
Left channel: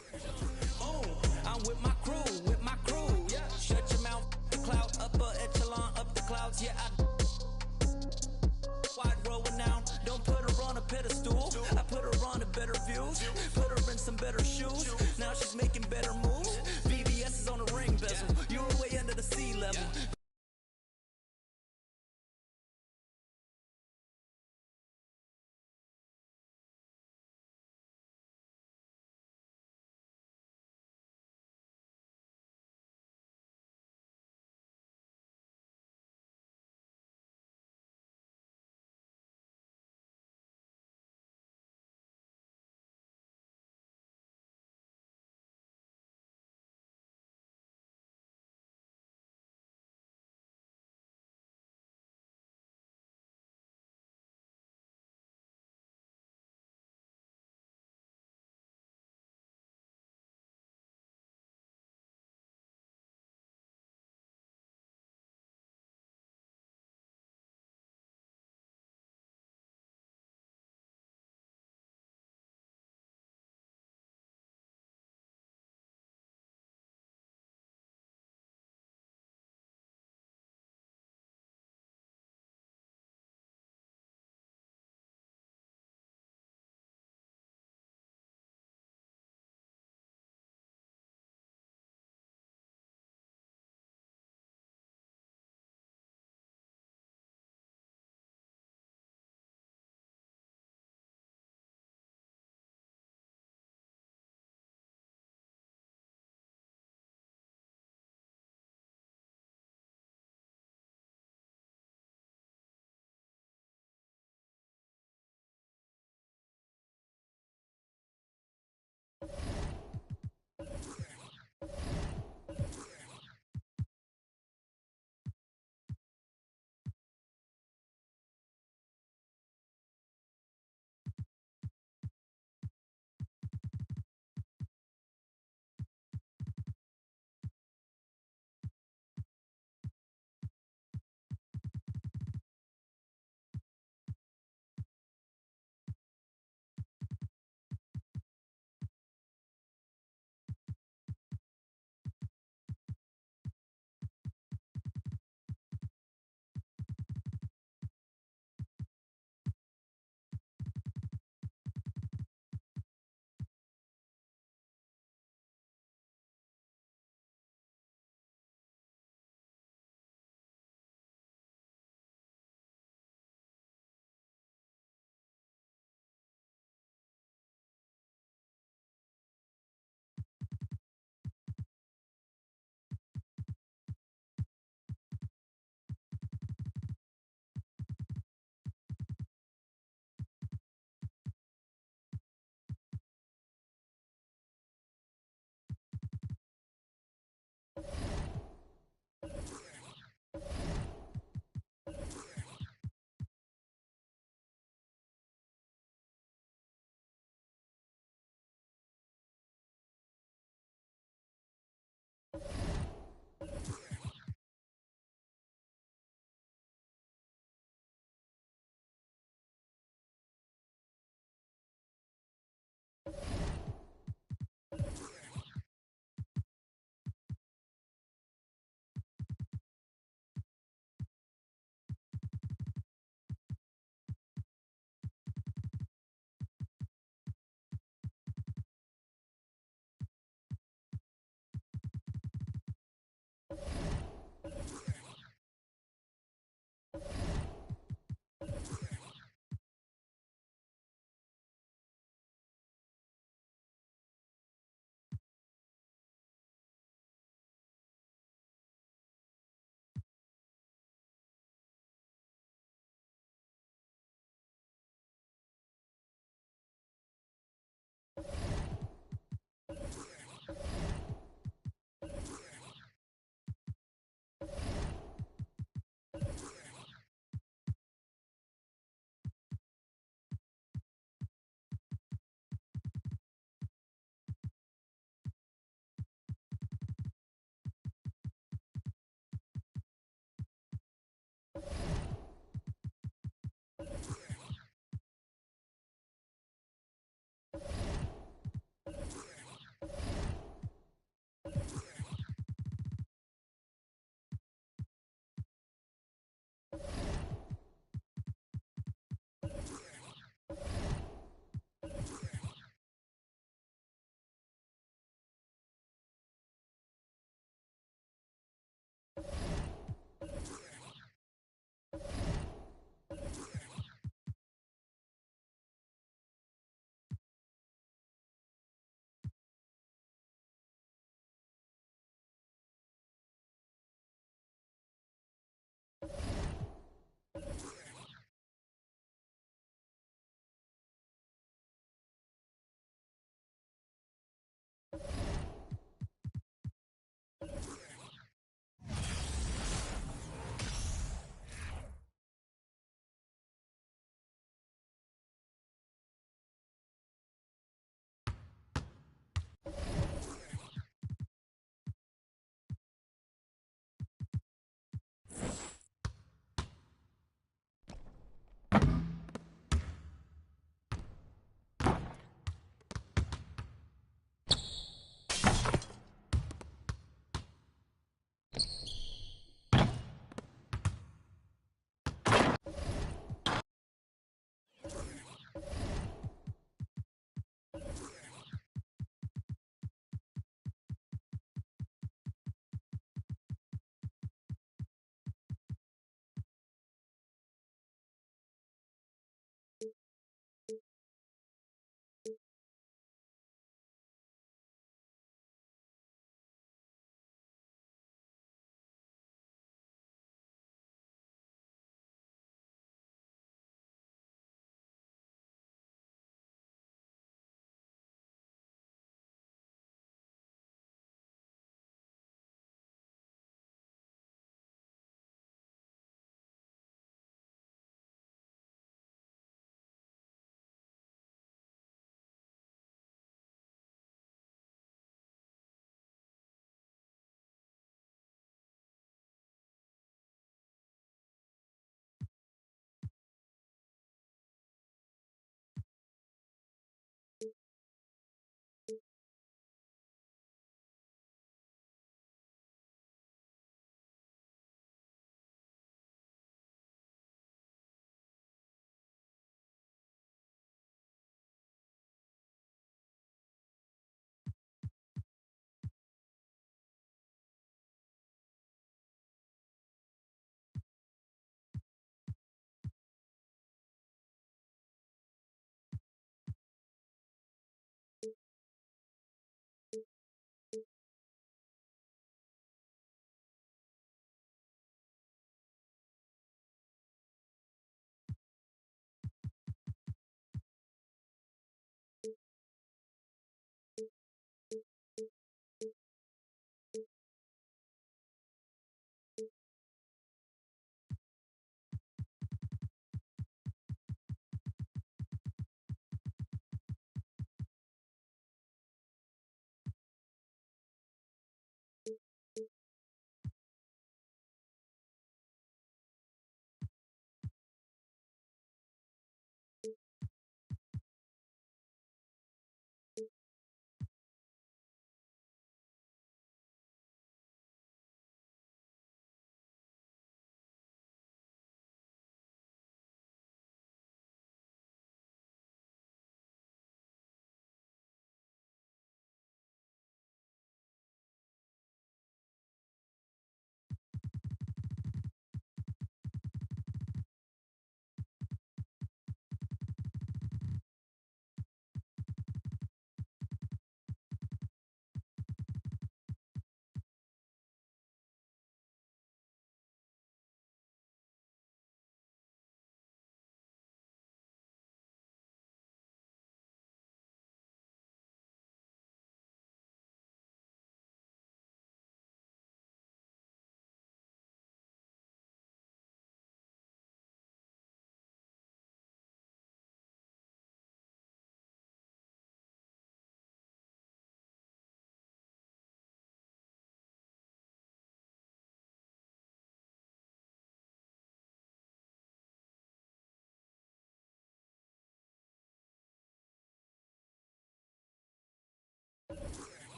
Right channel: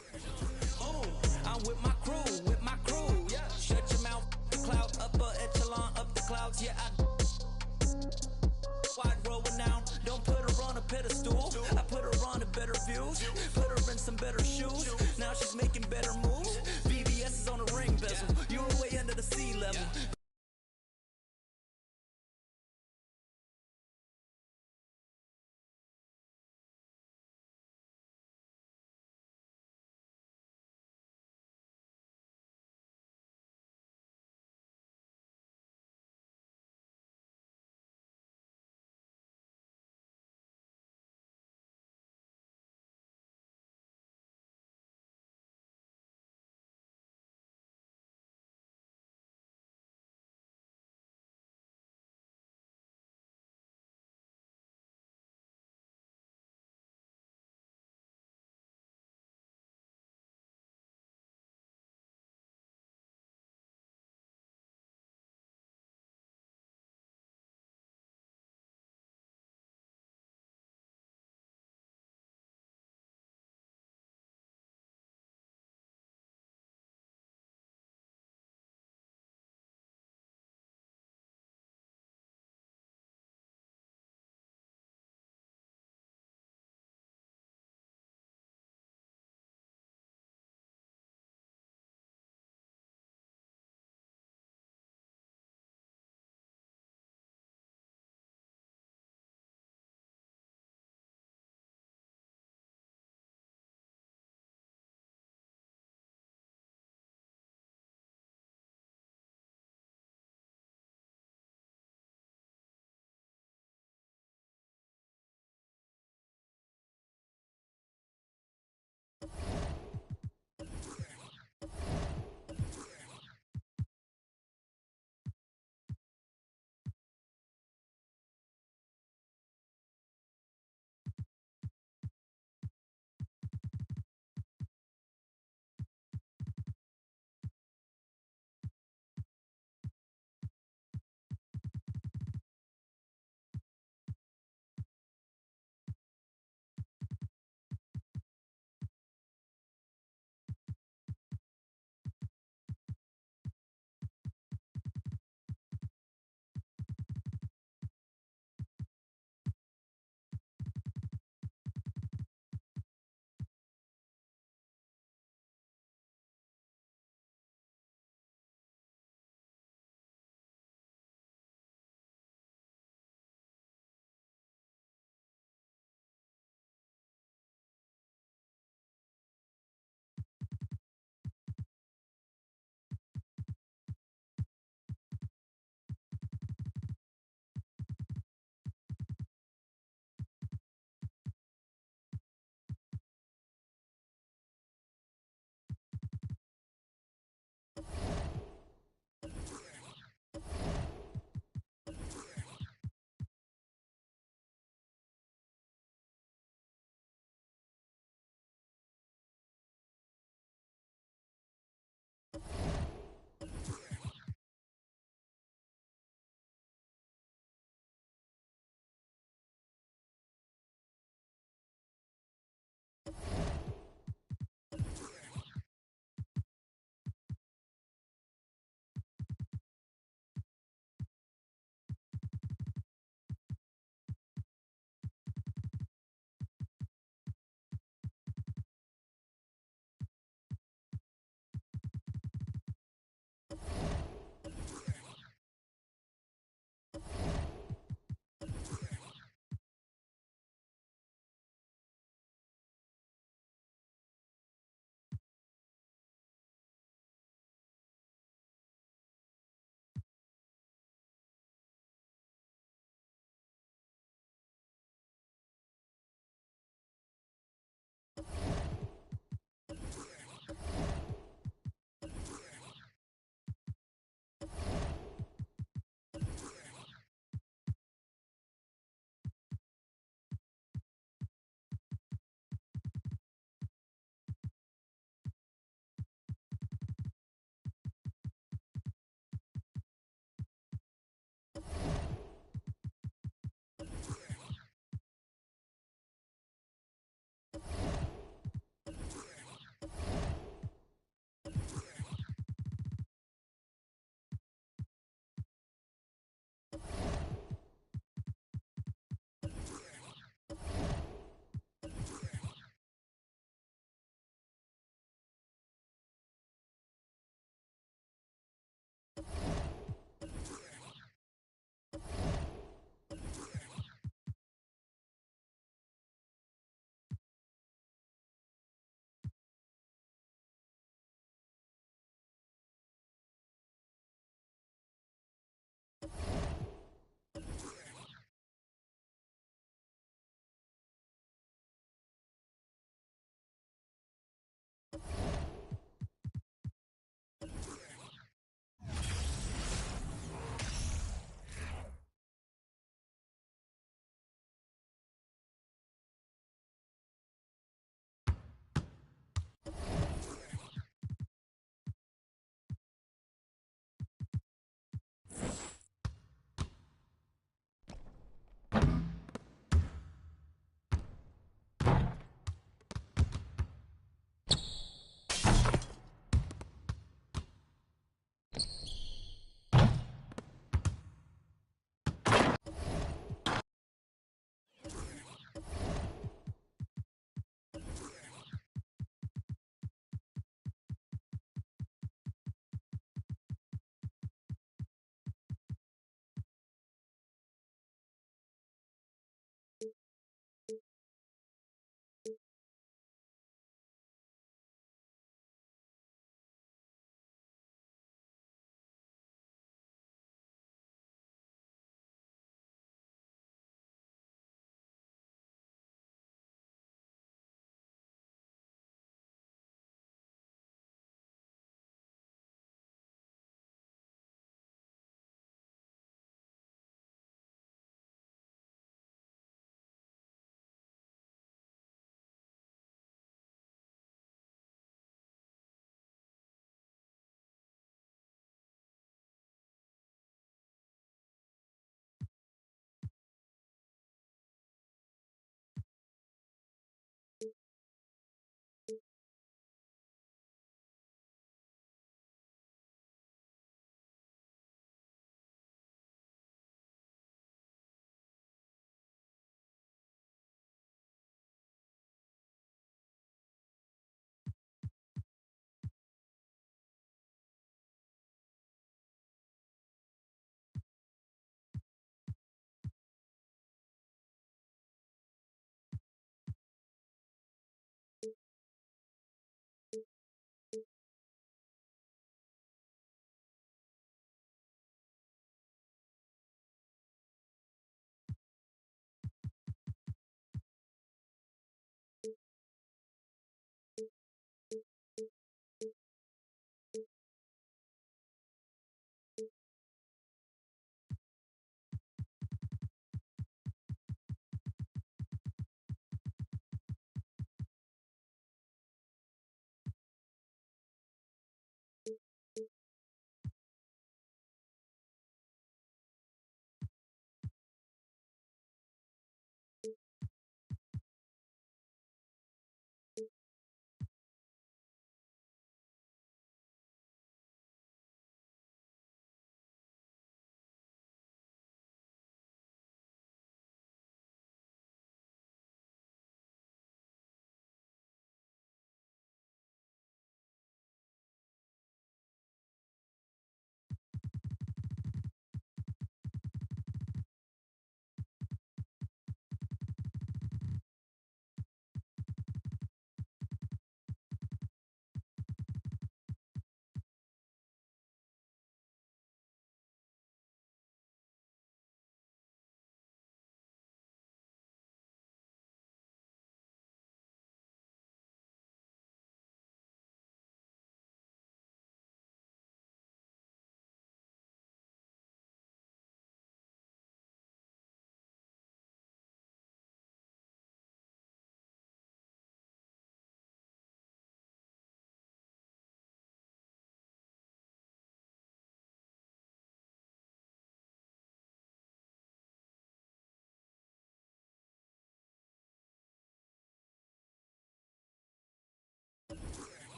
I'm with my crew, yeah. Shut your mouth, the cloud, upper echelon, up the clouds, yeah. Wide rolling down, don't put her on a pedestal. I put her on a better views, put her in some better shoes. Now she's making better moves. VVS is on the ring bezel, you were way under the sea level.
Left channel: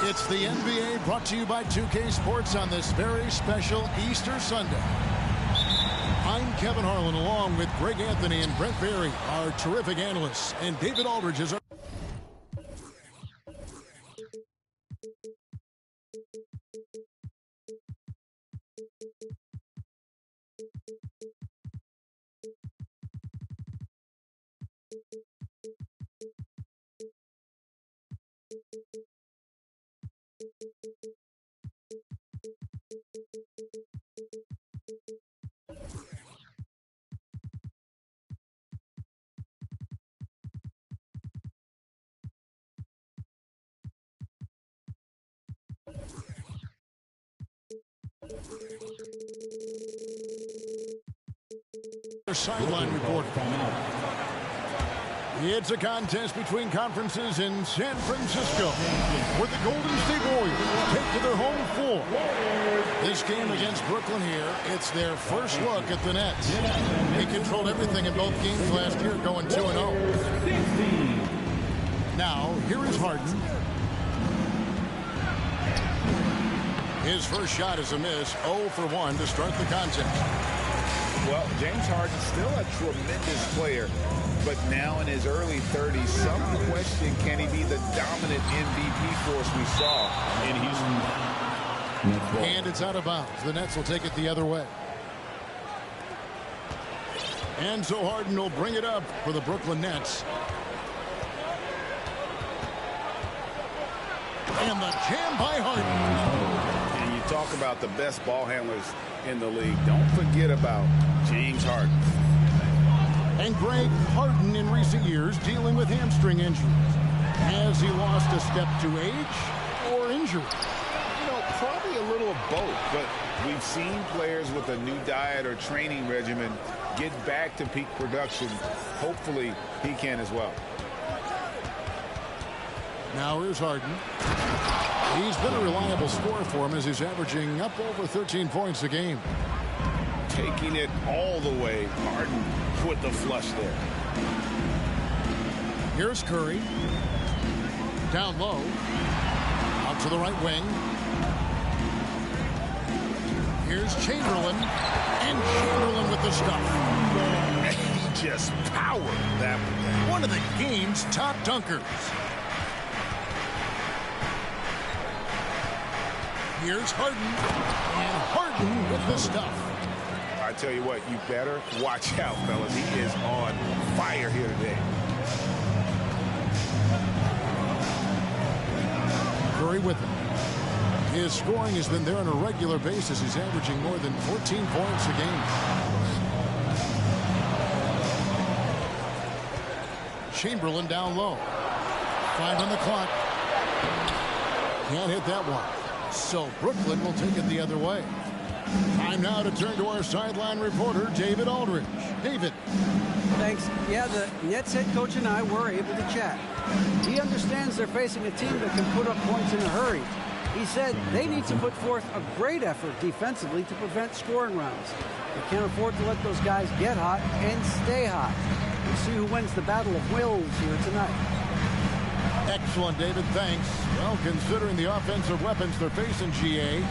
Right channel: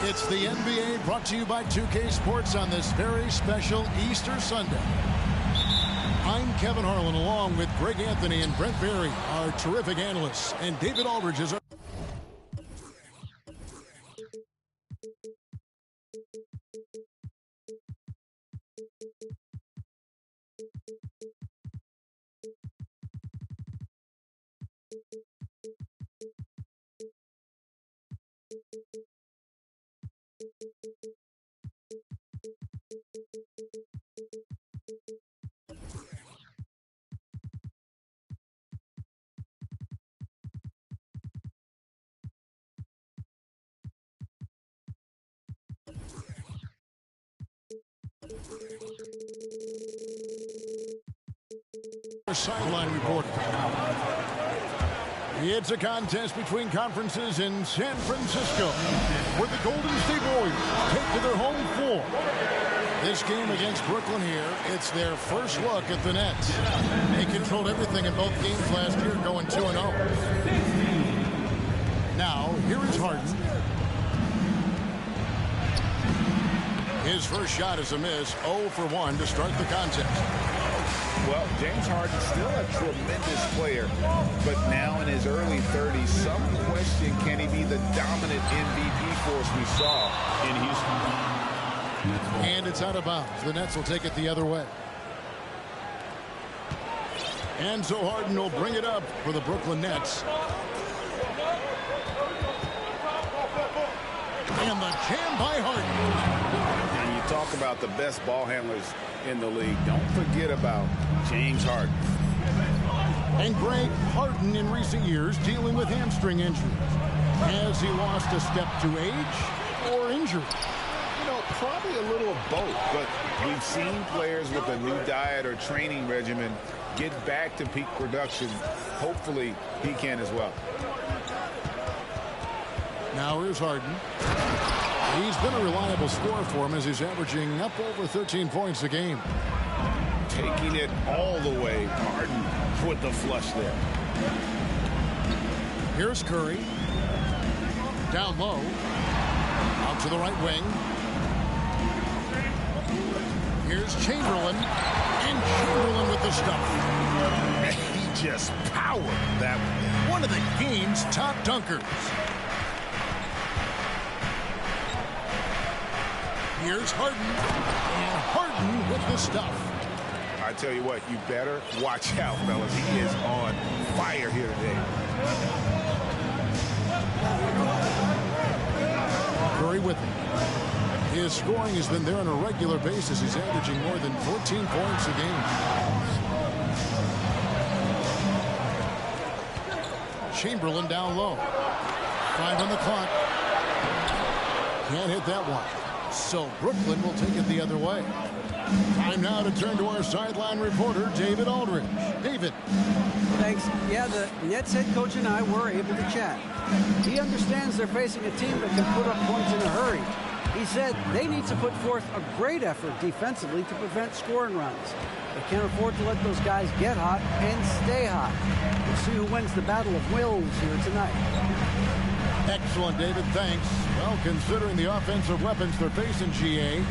It's the NBA brought to you by 2K Sports on this very special Easter Sunday. I'm Kevin Harlan along with Greg Anthony and Brent Barry, our terrific analysts, and David Aldridge is our... sideline reporter. It's a contest between conferences in San Francisco, where the Golden State Warriors take to their home floor. This game against Brooklyn here, it's their first look at the Nets. They controlled everything in both games last year, going 2-0. Now, here is Harden. His first shot is a miss, 0 for 1 to start the contest. Well, James Harden's still a tremendous player, but now in his early 30s, some question, can he be the dominant MVP force we saw in Houston? And it's out of bounds. The Nets will take it the other way. And so Harden will bring it up for the Brooklyn Nets. And the jam by Harden. And you talk about the best ball handlers in the league. Don't forget about James Harden. And Greg, Harden in recent years dealing with hamstring injuries. Has he lost a step to age or injury? You know, probably a little of both, but we've seen players with a new diet or training regimen get back to peak production. Hopefully he can as well. Now here's Harden. He's been a reliable scorer for him as he's averaging up over 13 points a game. Taking it all the way. Harden with the flush there. Here's Curry. Down low. Out to the right wing. Here's Chamberlain. And Chamberlain with the stuff. He just powered that one. One of the game's top dunkers. Here's Harden. And Harden with the stuff. I tell you what, you better watch out, fellas. He is on fire here today. Curry with him. His scoring has been there on a regular basis. He's averaging more than 14 points a game. Chamberlain down low. 5 on the clock. Can't hit that one. So Brooklyn will take it the other way. Time now to turn to our sideline reporter, David Aldridge. David. Thanks. Yeah, the Nets head coach and I were able to chat. He understands they're facing a team that can put up points in a hurry. He said they need to put forth a great effort defensively to prevent scoring runs. They can't afford to let those guys get hot and stay hot. We'll see who wins the battle of wills here tonight. Excellent, David. Thanks. Well, considering the offensive weapons they're facing, GA,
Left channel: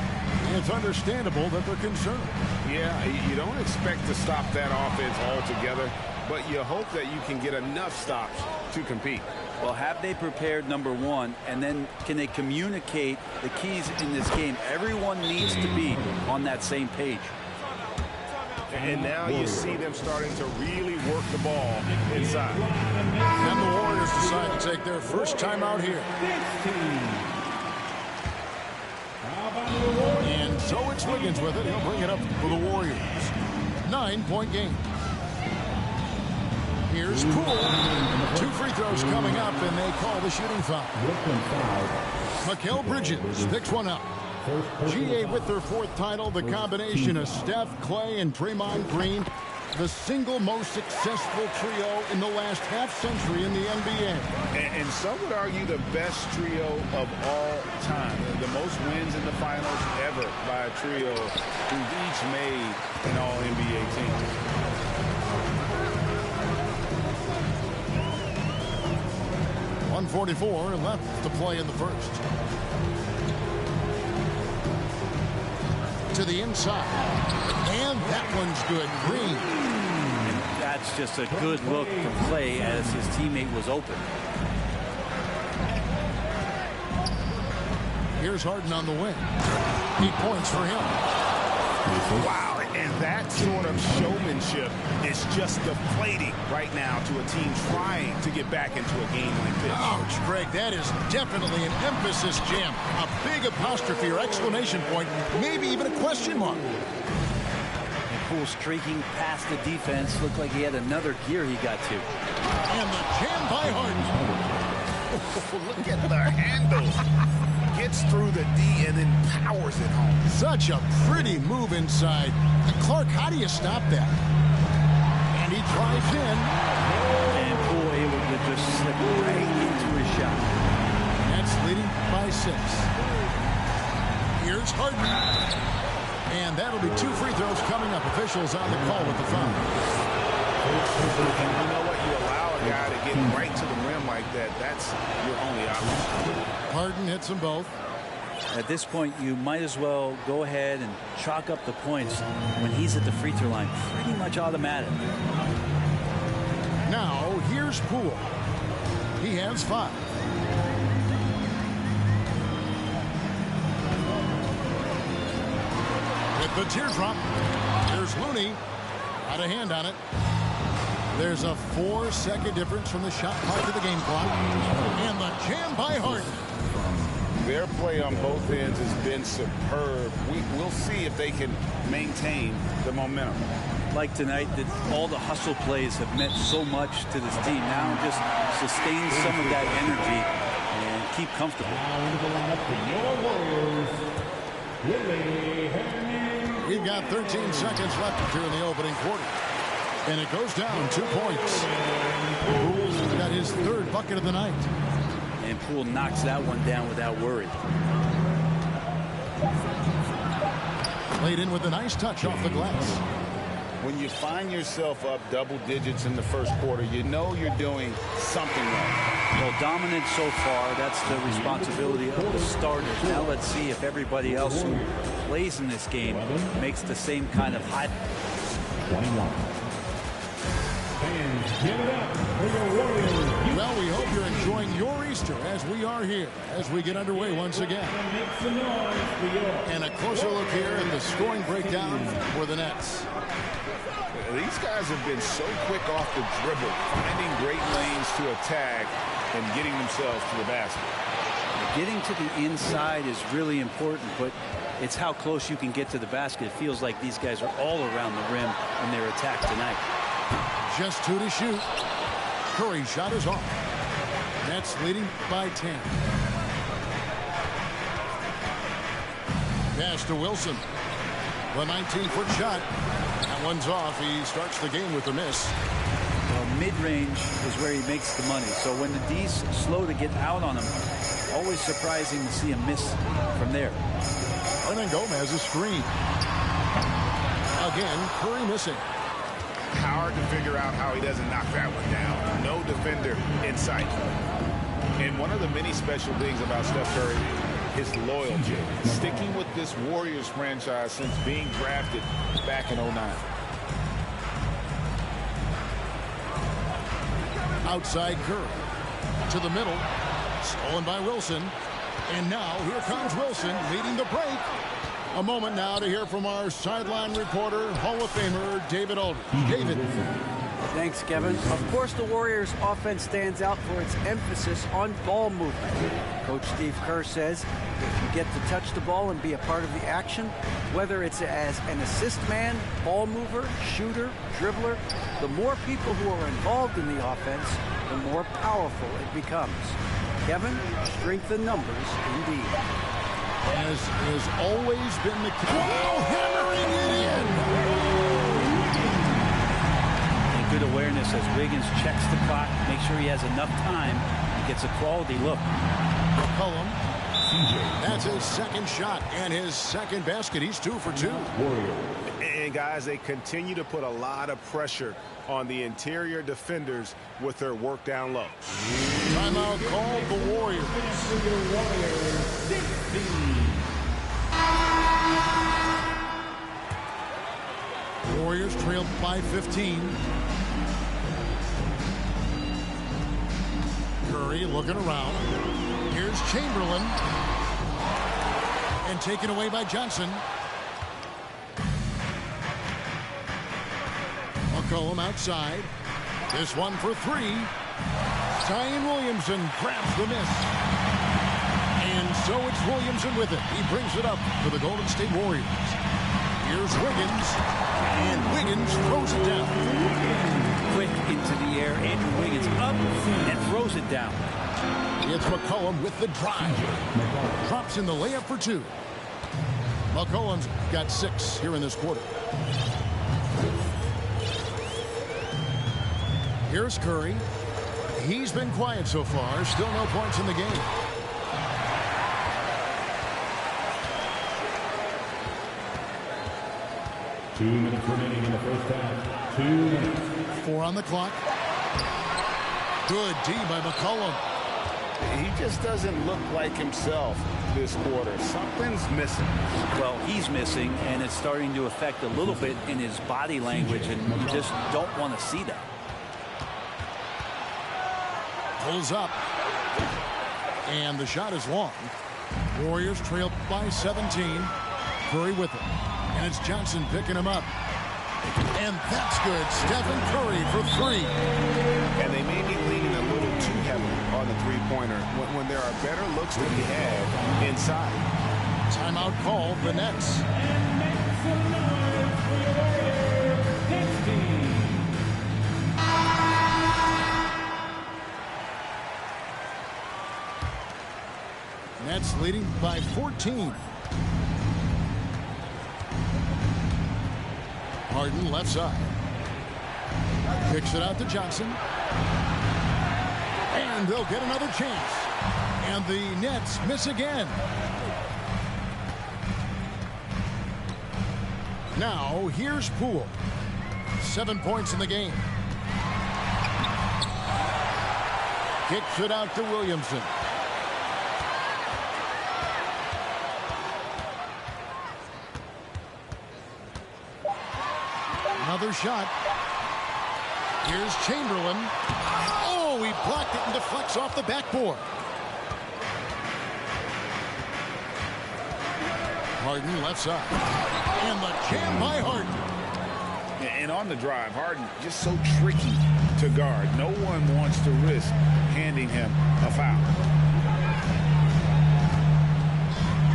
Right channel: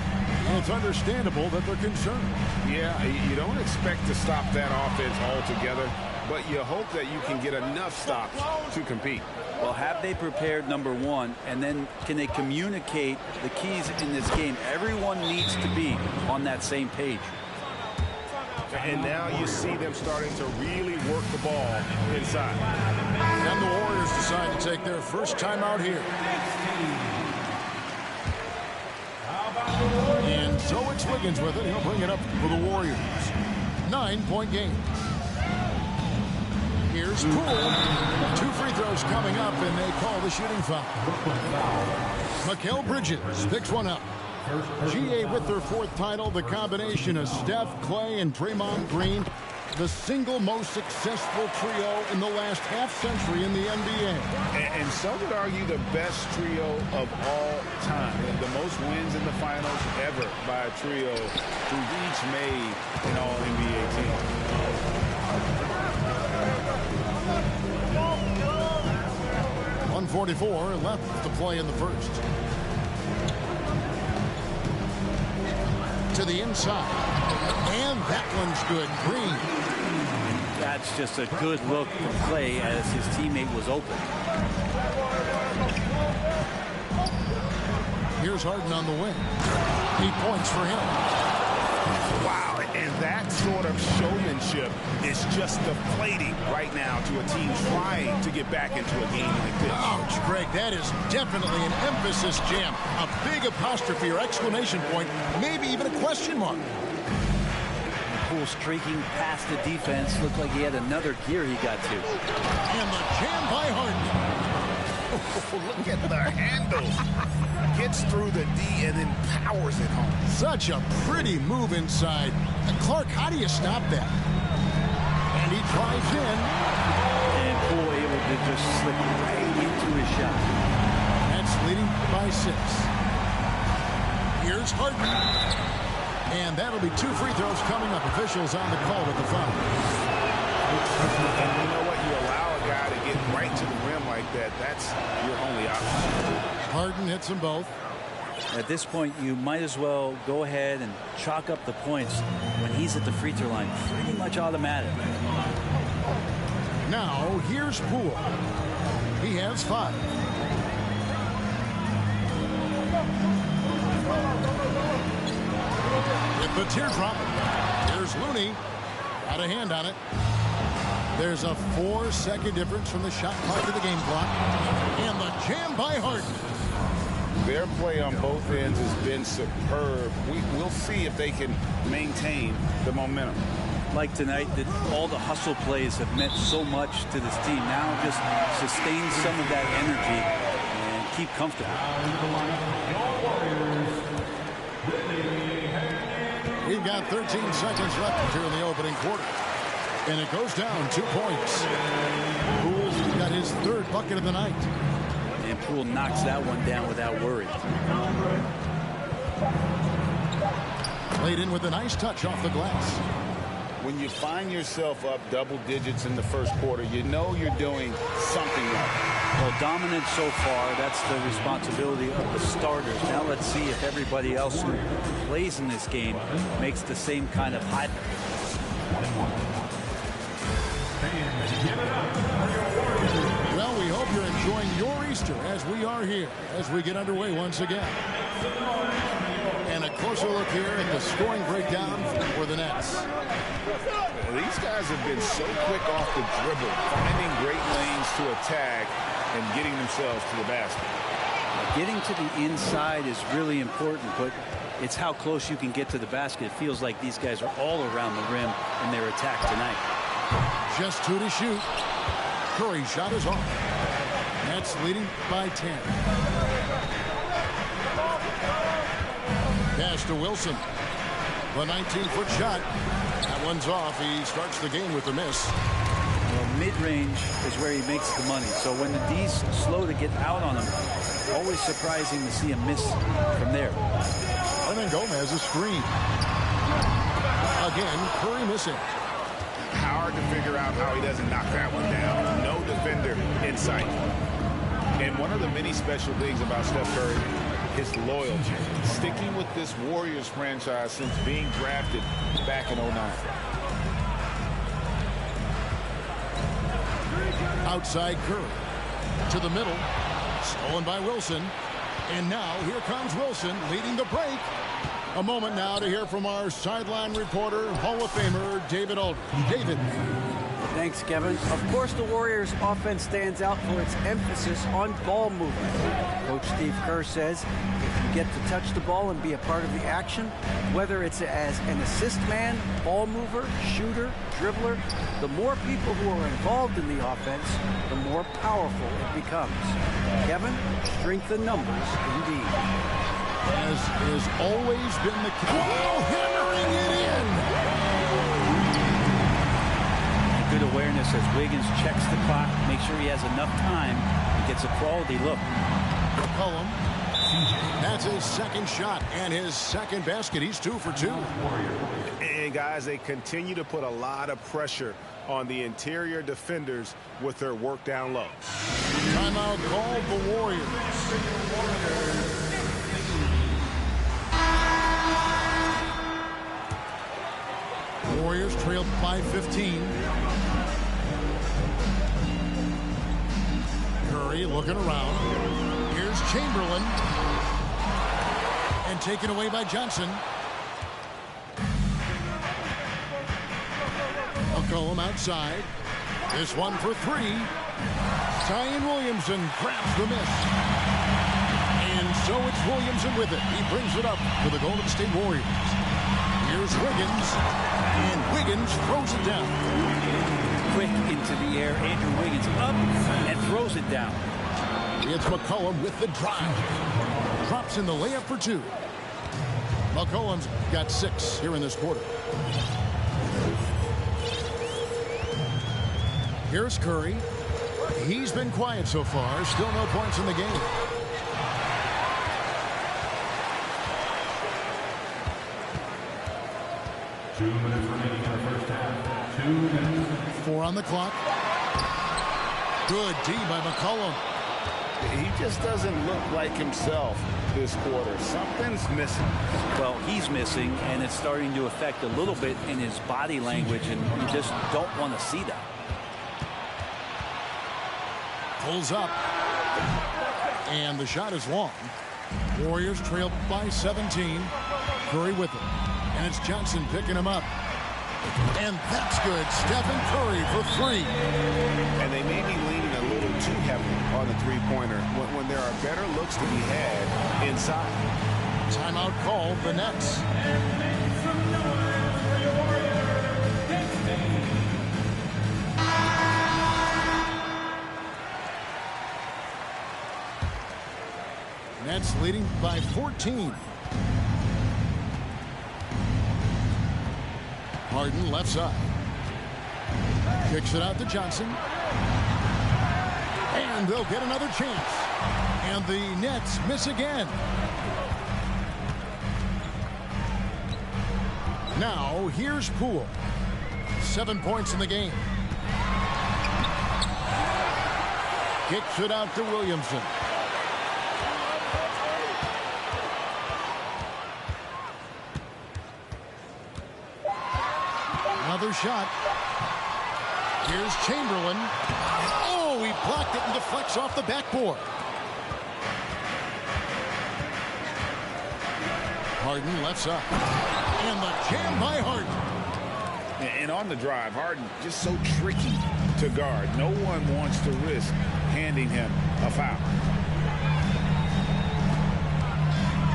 it's understandable that they're concerned. Yeah, you don't expect to stop that offense altogether, but you hope that you can get enough stops to compete. Well, have they prepared, number one, and then can they communicate the keys in this game? Everyone needs to be on that same page. And now you see them starting to really work the ball inside. And the Warriors decide to take their first time out here. And so it's Wiggins with it. He'll bring it up for the Warriors. 9-point game. Here's Poole. 2 free throws coming up, and they call the shooting foul. Mikal Bridges picks one up. GA with their 4th title, the combination of Steph, Clay, and Draymond Green, the single most successful trio in the last half-century in the NBA. And some would argue the best trio of all time. The most wins in the finals ever by a trio who've each made an All-NBA team. .144 left to play in the first. To the inside. And that one's good. Green. And that's just a good look from Clay as his teammate was open. Here's Harden on the wing. He points for him. Wow, and that sort of showmanship is just deflating right now to a team trying to get back into a game like this. Ouch, Greg, that is definitely an emphasis jam. A big apostrophe or exclamation point, maybe even a question mark. And Poole streaking past the defense. Looked like he had another gear he got to. And the jam by Harden. Oh, look at the handles. Gets through the D and then powers it home. Such a pretty move inside. Clark, how do you stop that? And he drives in. And Poole able to just slip right into his shot. That's leading by 6. Here's Harden. And that'll be 2 free throws coming up. Officials on the call with the foul. And you know what? You allow a guy to get right to the rim like that. That's your only option. Harden hits them both. At this point, you might as well go ahead and chalk up the points when he's at the free throw line. Pretty much automatic. Now, here's Poole. He has 5. With the teardrop, here's Looney. Got a hand on it. There's a 4-second difference from the shot clock to the game clock. And the jam by Harden. Their play on both ends has been superb. We'll see if they can maintain the momentum. Like tonight, that all the hustle plays have meant so much to this team. Now just sustain some of that energy and keep comfortable. We've got 13 seconds left here in the opening quarter. And it goes down 2 points. Poole's got his 3rd bucket of the night. And Poole knocks that one down without worry. Played in with a nice touch off the glass. When you find yourself up double digits in the first quarter, you know you're doing something right. Well, dominant so far. That's the responsibility of the starters. Now let's see if everybody else who plays in this game makes the same kind of high. 21. Fans, give it up for your Warriors. Well, we hope you're enjoying your Easter as we are here, as we get underway once again. And a closer look here at the scoring breakdown for the Nets. These guys have been so quick off the dribble, finding great lanes to attack and getting themselves to the basket. Getting to the inside is really important, but it's how close you can get to the basket. It feels like these guys are all around the rim in their attack tonight. Just 2 to shoot. Curry's shot is off. Nets leading by 10. Pass to Wilson. The 19-foot shot. That one's off. He starts the game with a miss. Well, mid-range is where he makes the money. So when the D's slow to get out on him, always surprising to see a miss from there. And then Gomez a screen. Again, Curry missing. Hard to figure out how he doesn't knock that one down. No defender in sight. And one of the many special things about Steph Curry, his loyalty. Sticking with this Warriors franchise since being drafted back in 09. Outside Curry. To the middle. Stolen by Wilson. And now here comes Wilson leading the break. A moment now to hear from our sideline reporter, Hall of Famer David Aldridge. David. Thanks, Kevin. Of course, the Warriors' offense stands out for its emphasis on ball movement. Coach Steve Kerr says if you get to touch the ball and be a part of the action, whether it's as an assist man, ball mover, shooter, dribbler, the more people who are involved in the offense, the more powerful it becomes. Kevin, strength in numbers indeed. And as has always been the case. Wow, hammering it in. And good awareness as Wiggins checks the clock, make sure he has enough time and gets a quality look. McCollum. That's his second shot and his second basket. He's 2 for 2. And guys, they continue to put a lot of pressure on the interior defenders with their work down low. Timeout called the Warriors. Warriors trailed by 15. Curry looking around. Here's Chamberlain. And taken away by Johnson. McCollum outside. This one for 3. Zion Williamson grabs the miss. And so it's Williamson with it. He brings it up for the Golden State Warriors. Here's Wiggins. And Wiggins throws it down. Quick into the air. Andrew Wiggins up and throws it down. It's McCollum with the drive. Drops in the layup for 2. McCollum's got 6 here in this quarter. Here's Curry. He's been quiet so far. Still no points in the game. Two minutes remaining in the first half. 2 minutes. 4 on the clock. Good D by McCollum. He just doesn't look like himself this quarter. Something's missing. Well, he's missing, and it's starting to affect a little bit in his body language, and you just don't want to see that. Pulls up. And the shot is long. Warriors trail by 17. Curry with it. And it's Johnson picking him up. And that's good. Stephen Curry for 3. And they may be leaning a little too heavily on the three-pointer when there are better looks to be had inside. Timeout called the Nets. Nets leading by 14. Harden left side. Kicks it out to Johnson. And they'll get another chance. And the Nets miss again. Now, here's Poole. 7 points in the game. Kicks it out to Williamson. Another shot. Here's Chamberlain. Oh, he blocked it and deflects off the backboard. Harden left side. And the jam by Harden. And on the drive, Harden just so tricky to guard. No one wants to risk handing him a foul.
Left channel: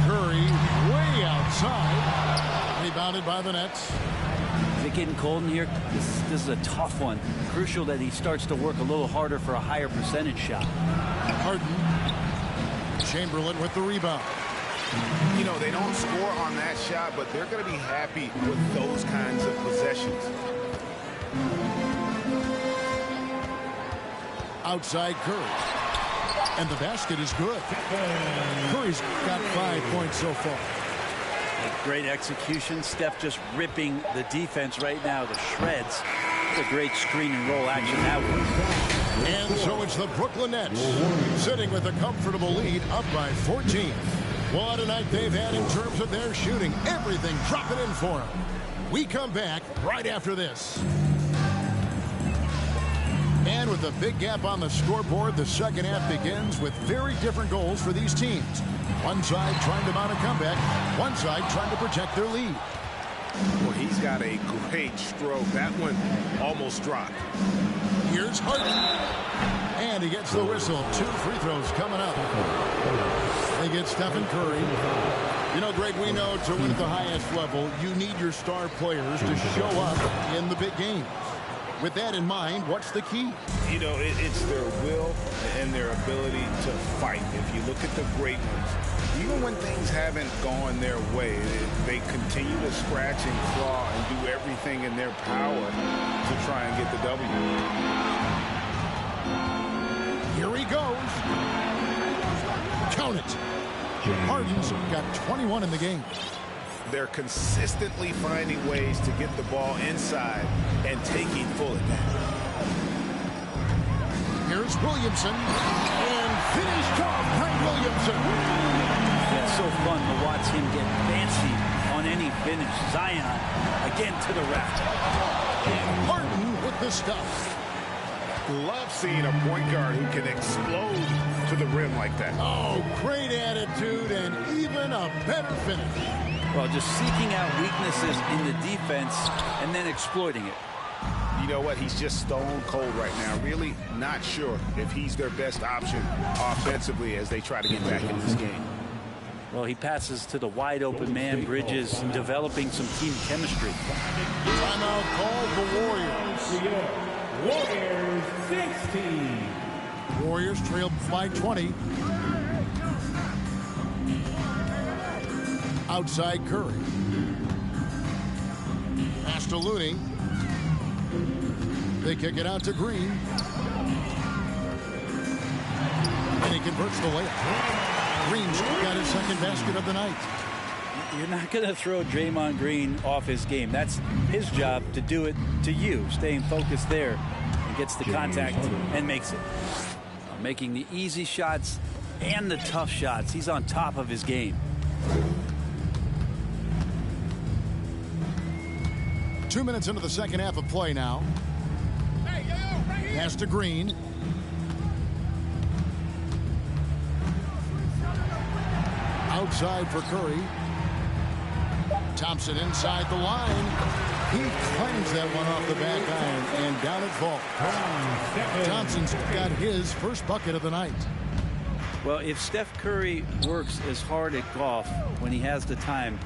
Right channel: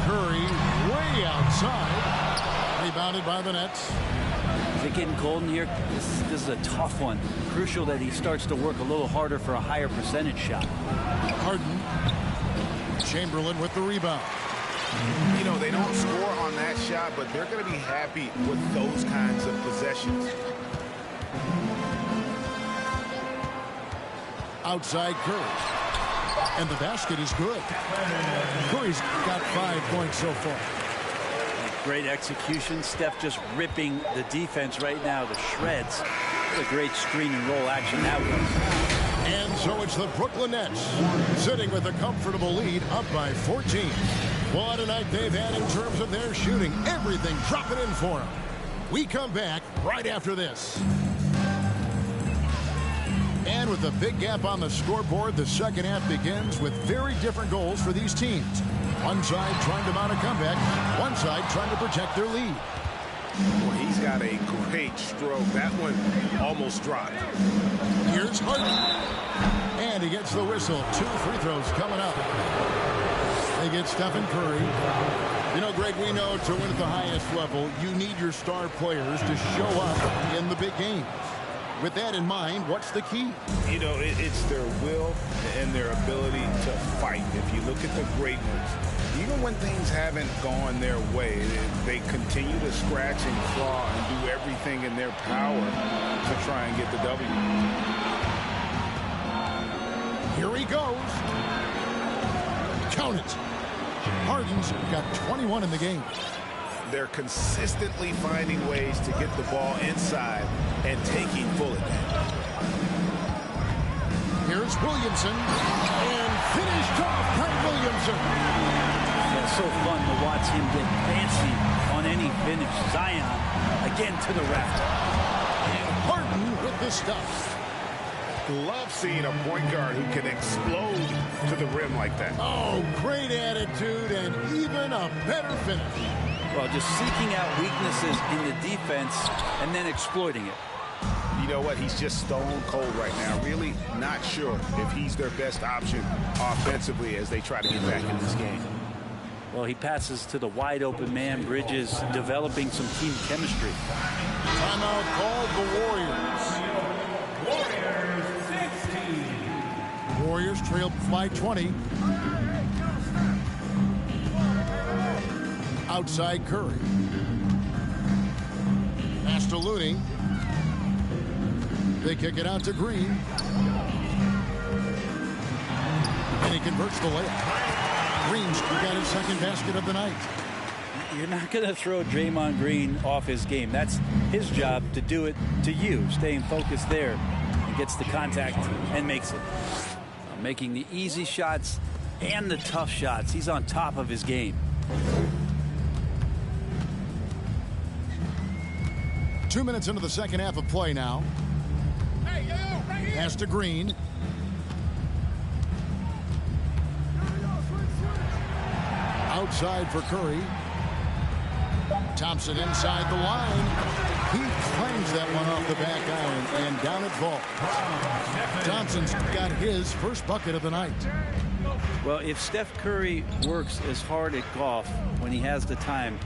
Curry way outside. Rebounded by the Nets. Is it getting cold in here? This is a tough one. Crucial that he starts to work a little harder for a higher percentage shot. Harden. Chamberlain with the rebound. You know, they don't score on that shot, but they're going to be happy with those kinds of possessions. Outside Curry. And the basket is good. Curry's got 5 points so far. Great execution. Steph just ripping the defense right now to shreds. What a great screen and roll action that was. And so it's the Brooklyn Nets sitting with a comfortable lead up by 14. What a night they've had in terms of their shooting. Everything dropping in for them. We come back right after this. And with a big gap on the scoreboard, the second half begins with very different goals for these teams. One side trying to mount a comeback, one side trying to protect their lead. Well, he's got a great stroke. That one almost dropped. Here's Harden. And he gets the whistle. 2 free throws coming up. They get Stephen Curry. You know, Greg, we know to win at the highest level, you need your star players to show up in the big games. With that in mind, what's the key? You know, it's their will and their ability to fight. If you look at the great ones, even when things haven't gone their way, they continue to scratch and claw and do everything in their power to try and get the W. Here he goes. Count it. Harden's got 21 in the game. They're consistently finding ways to get the ball inside and taking full advantage. Here's Williamson, and finished off by Williamson. Yeah, so fun to watch him get fancy on any finish. Zion again to the rack. And Harden with the stuff. Love seeing a point guard who can explode to the rim like that. Oh, great attitude and even a better finish. Well, just seeking out weaknesses in the defense and then exploiting it. You know what? He's just stone cold right now. Really not sure if he's their best option offensively as they try to get back in this game. Well, he passes to the wide open man. Bridges developing some team chemistry. Timeout called the Warriors. Warriors 16. Warriors trailed by 20. Outside Curry. Pass to Looney. They kick it out to Green. And he converts the layup. Green's got his second basket of the night. You're not going to throw Draymond Green off his game. That's his job to do it to you. Staying focused there. He gets the contact and makes it. Making the easy shots and the tough shots. He's on top of his game. 2 minutes into the second half of play now. Pass to Green. Outside for Curry. Thompson inside the line. He clangs that one off the back iron and down it falls. Thompson's got his first bucket of the night. Well, if Steph Curry works as hard at golf when he has the time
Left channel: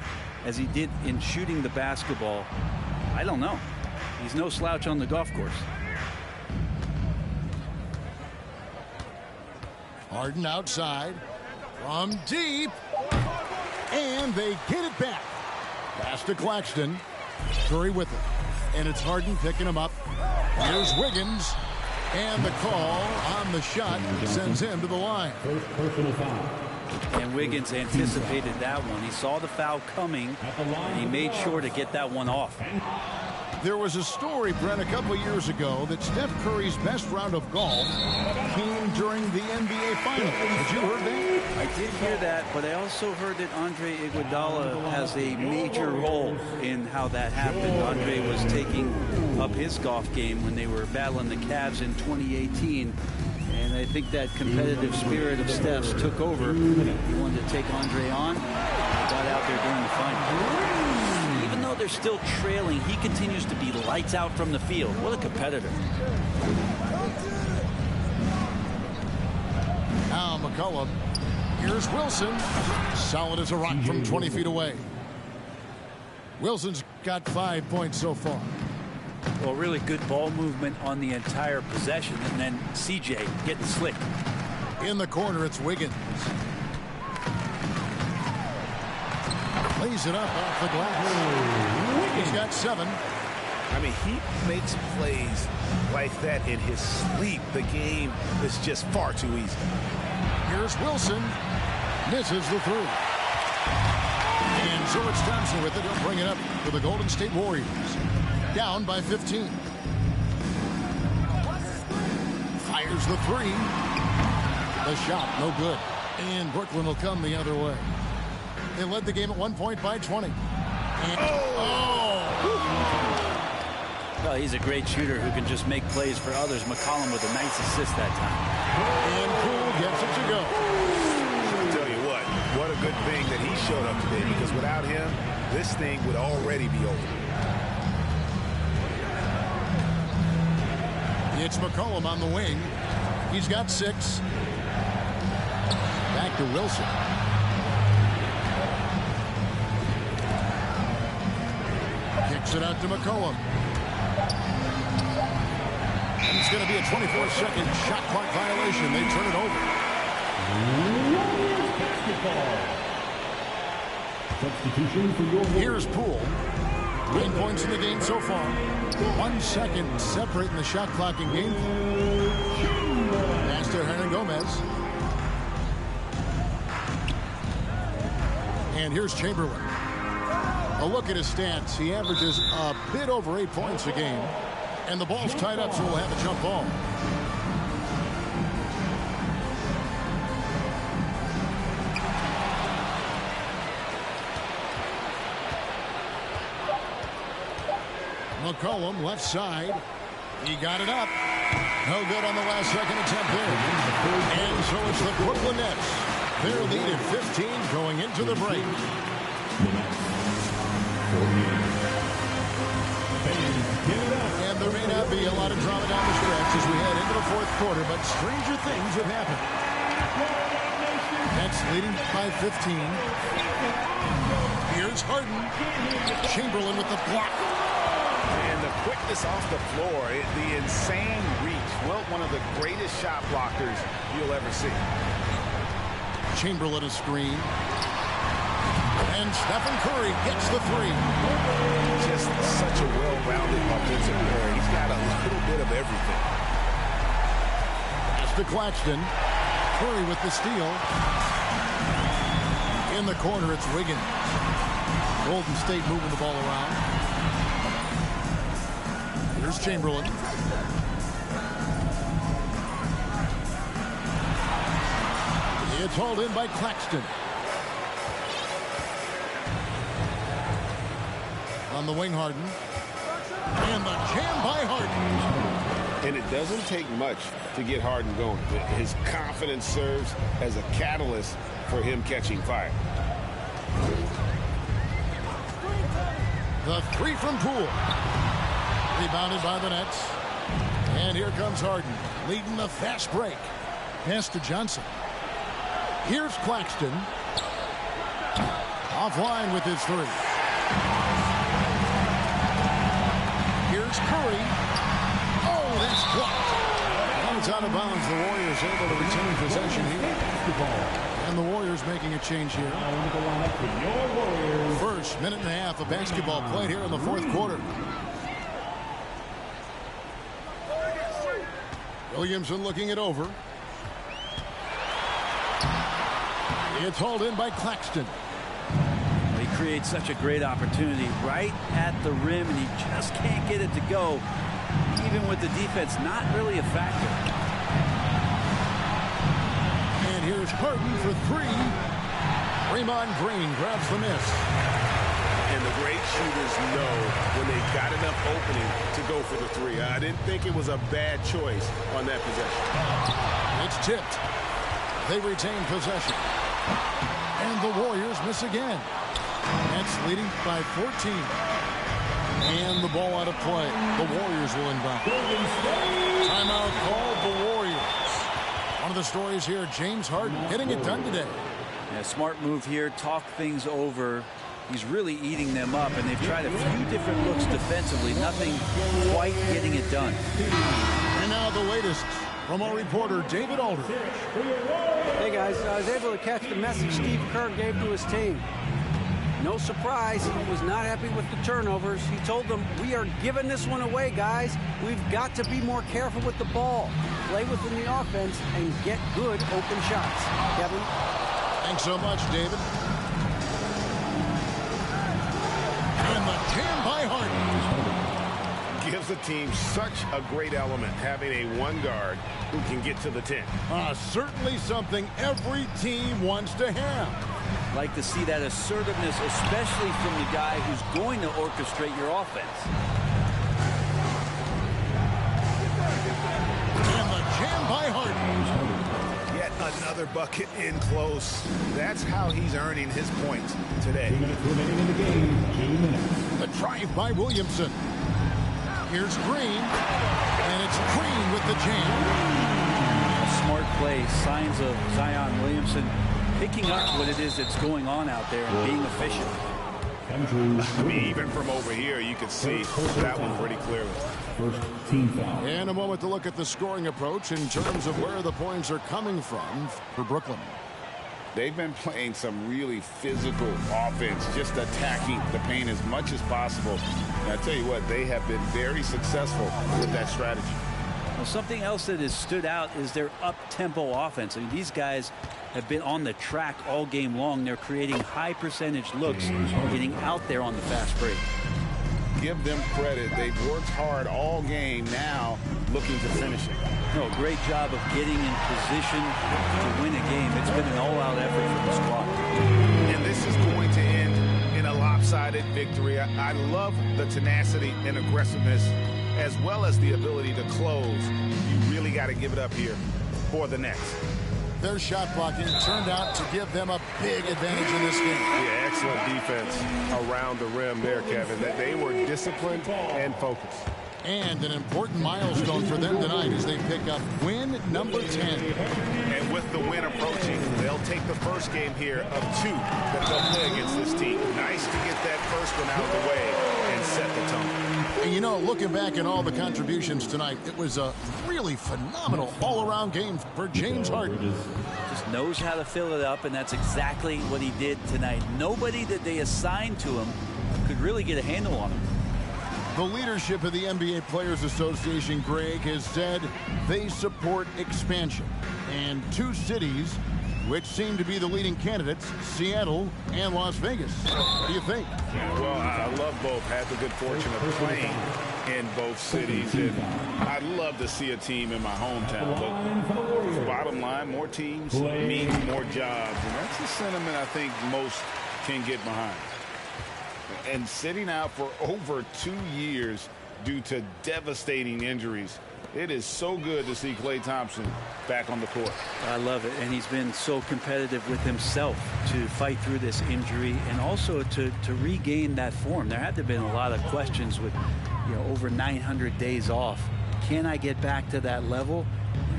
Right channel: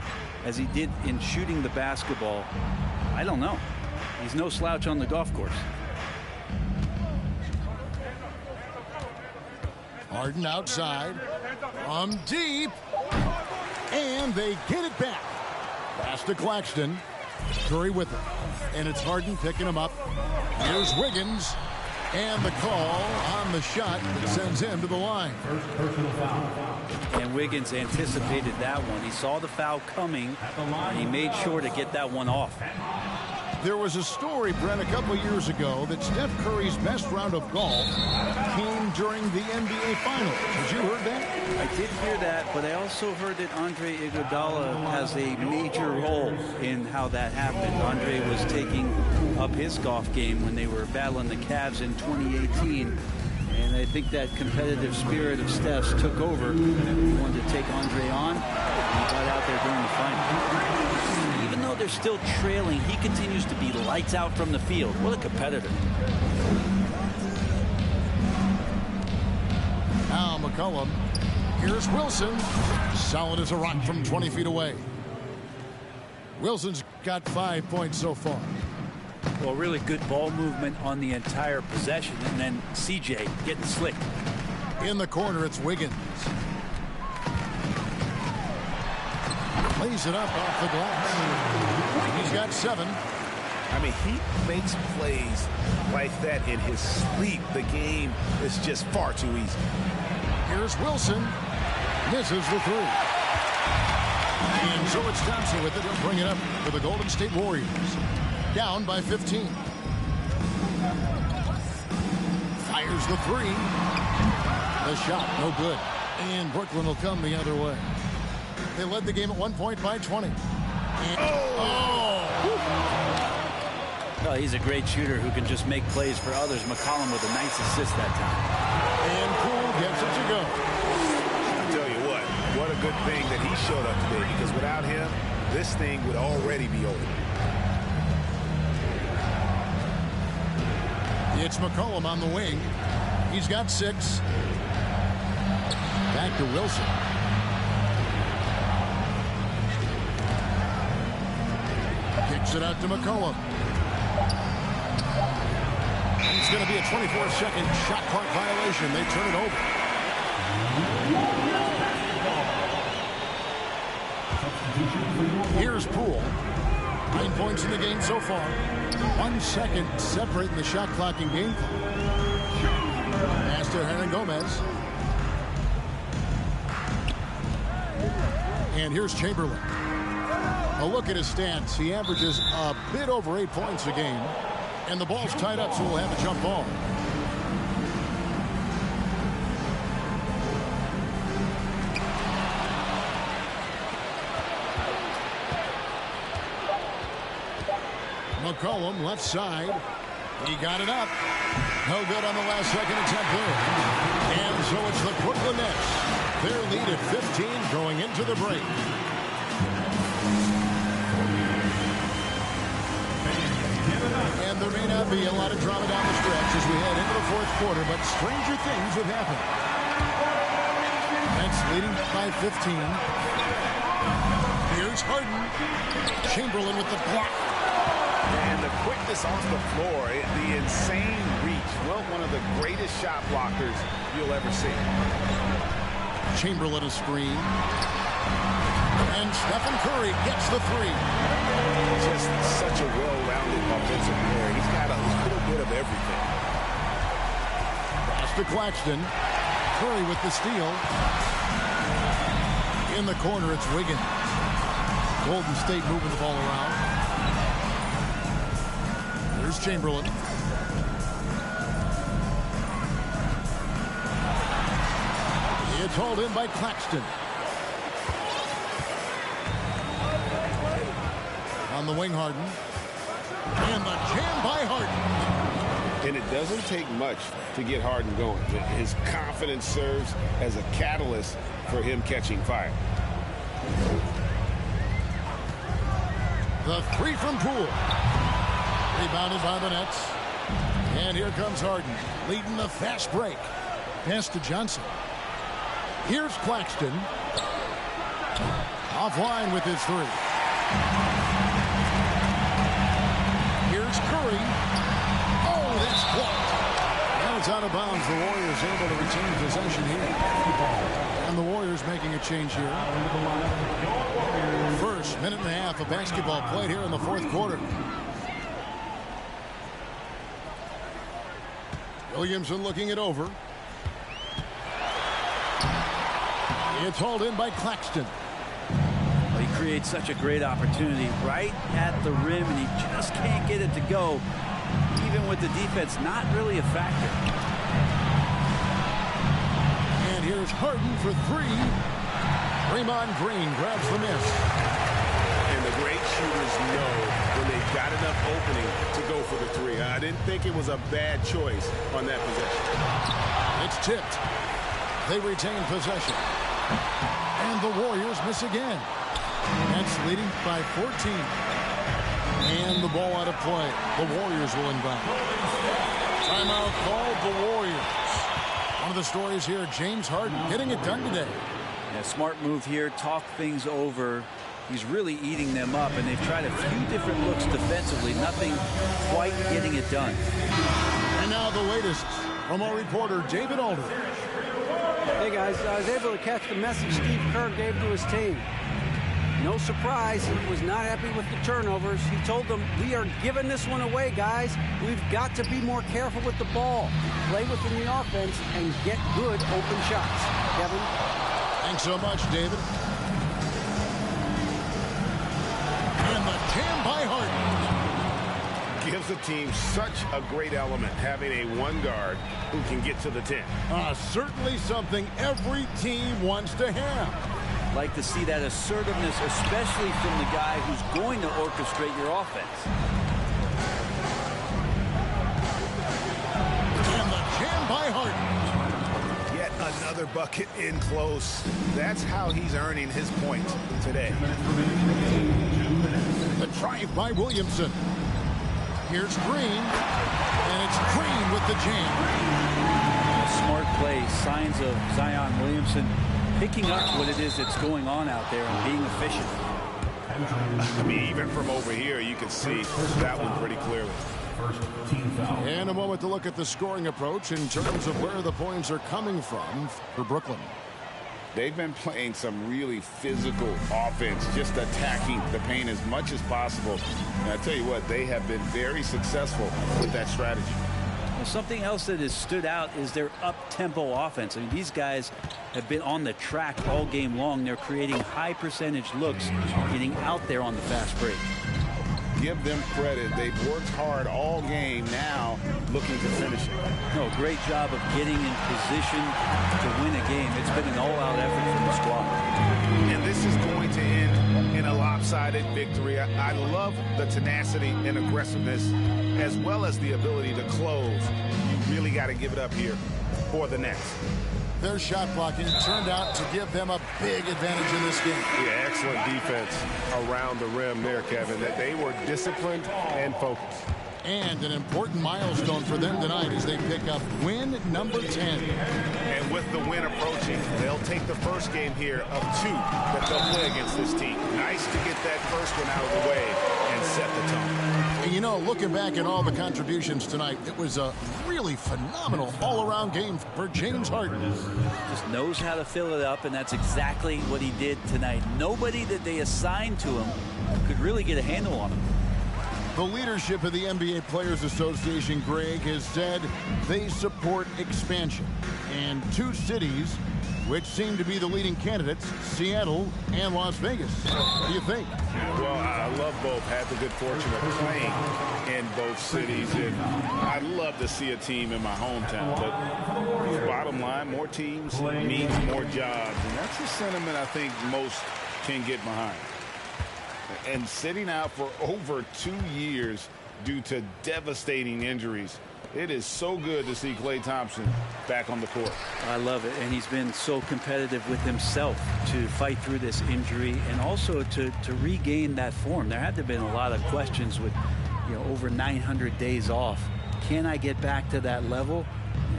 as he did in shooting the basketball, I don't know. He's no slouch on the golf course. Harden outside from deep, and they get it back. Pass to Claxton. Curry with it, and it's Harden picking him up. Here's Wiggins, and the call on the shot that sends him to the line. First personal foul. And Wiggins anticipated that one. He saw the foul coming, and he made sure to get that one off. There was a story, Brent, a couple years ago that Steph Curry's best round of golf came during the NBA Finals. Had you heard that? I did hear that, but I also heard that Andre Iguodala has a major role in how that happened. Andre was taking up his golf game when they were battling the Cavs in 2018. And I think that competitive spirit of Steph's took over. He wanted to take Andre on, and he got out there during the final. Even though they're still trailing, he continues to be lights out from the field. What a competitor. Now McCollum. Here's Wilson. Solid as a rock from 20 feet away. Wilson's got 5 points so far. Well, really good ball movement on the entire possession, and then CJ getting slick. In the corner, it's Wiggins. Lays it up off the glass. He's got 7. I mean, he makes plays like that in his sleep. The game is just far too easy. Here's Wilson. Misses the 3. And so it's Thompson with it. He'll bring it up for the Golden State Warriors. Down by 15. Fires the 3. The shot, no good. And Brooklyn will come the other way. They led the game at 1 point by 20. And, Well, he's a great shooter who can just make plays for others. McCollum with a nice assist that time. And Poole gets it to go. I tell you what a good thing that he showed up today, because without him, this thing would already be over. It's McCollum on the wing. He's got 6. Back to Wilson. Kicks it out to McCollum. And it's going to be a 24-second shot clock violation. They turn it over. Substitution for your Here's Poole. 9 points in the game so far. 1 second separating the shot clock and game clock. Pass to Hernan Gomez. And here's Chamberlain. A look at his stats. He averages a bit over 8 points a game. And the ball's tied up, so we'll have a jump ball. McCollum, left side. He got it up. No good on the last second attempt there. And so it's the Brooklyn Nets. Their lead at 15 going into the break. And there may not be a lot of drama down the stretch as we head into the fourth quarter, but stranger things have happened. Nets leading by 15. Here's Harden. Chamberlain with the block. And the quickness off the floor, the insane reach. Well, one of the greatest shot blockers you'll ever see. Chamberlain a screen. And Stephen Curry gets the three. Just such a well-rounded offensive player. He's got a little bit of everything. Pass to Claxton. Curry with the steal. In the corner, it's Wiggins. Golden State moving the ball around. Here's Chamberlain. It's hauled in by Claxton. On the wing, Harden. And the jam by Harden. And it doesn't take much to get Harden going. His confidence serves as a catalyst for him catching fire. The three from Poole. Rebounded by the Nets. And here comes Harden, leading the fast break. Pass to Johnson. Here's Claxton. Offline with his three. Here's Curry. Oh, that's blocked. And it's out of bounds. The Warriors able to retain possession here. And the Warriors making a change here. First minute and a half of basketball played here in the fourth quarter. Williamson looking it over. It's hauled in by Claxton. Well, he creates such a great opportunity right at the rim, and he just can't get it to go. Even with the defense not really a factor. And here's Harden for three. Draymond Green grabs the miss. And the great shooters know when they've got enough opening to go for the three. I didn't think it was a bad choice on that possession. It's tipped. They retain possession. And the Warriors miss again. Nets leading by 14. And the ball out of play. The Warriors will inbound. Timeout called the Warriors. One of the stories here, James Harden getting it done today. Yeah, smart move here. Talk things over. He's really eating them up, and they've tried a few different looks defensively. Nothing quite getting it done. And now the latest from our reporter, David Aldridge. Hey, guys, I was able to catch the message Steve Kerr gave to his team. No surprise, he was not happy with the turnovers. He told them, we are giving this one away, guys. We've got to be more careful with the ball, play within the offense, and get good open shots. Kevin? Thanks so much, David. And the jam by Harden. Gives the team such a great element, having a one guard who can get to the 10. Certainly something every team wants to have. Like to see that assertiveness, especially from the guy who's going to orchestrate your offense. And the jam by Harden. Yet another bucket in close. That's how he's earning his points today. 2 minutes remaining in the game. 2 minutes. The drive by Williamson. Here's Green. And it's Green with the jam. A smart play. Signs of Zion Williamson picking up what it is that's going on out there and being efficient. I mean, even from over here, you can see that one pretty clearly. first team foul. And a moment to look at the scoring approach in terms of where the points are coming from for Brooklyn. They've been playing some really physical offense, just attacking the paint as much as possible. And I tell you what, they have been very successful with that strategy. Well, something else that has stood out is their up-tempo offense. I mean, these guys have been on the track all game long. They're creating high percentage looks, getting out there on the fast break. Give them credit. They've worked hard all game, now looking to finish it. No, great job of getting in position to win a game. It's been an all-out effort from the squad. And this is going to end in a lopsided victory. I love the tenacity and aggressiveness, as well as the ability to close. You really got to give it up here for the Nets. Their shot blocking turned out to give them a big advantage in this game. Yeah, excellent defense around the rim there, Kevin. That they were disciplined and focused. And an important milestone for them tonight as they pick up win number 10. And with the win approaching, they'll take the first game here of 2 that they'll play against this team. Nice to get that first one out of the way and set the tone. And you know, looking back at all the contributions tonight, it was a really phenomenal all-around game for James Harden. Just knows how to fill it up, and that's exactly what he did tonight. Nobody that they assigned to him could really get a handle on him. The leadership of the NBA Players Association, Greg, has said they support expansion. And 2 cities which seem to be the leading candidates, Seattle and Las Vegas. What do you think? Yeah, well, I love both. Had the good fortune of playing in both cities, and I'd love to see a team in my hometown. But bottom line, more teams means more jobs, and that's the sentiment I think most can get behind. And sitting out for over 2 years due to devastating injuries, it is so good to see Klay Thompson back on the court. I love it, and he's been so competitive with himself to fight through this injury and also to regain that form. There had to have been a lot of questions with, over 900 days off. Can I get back to that level?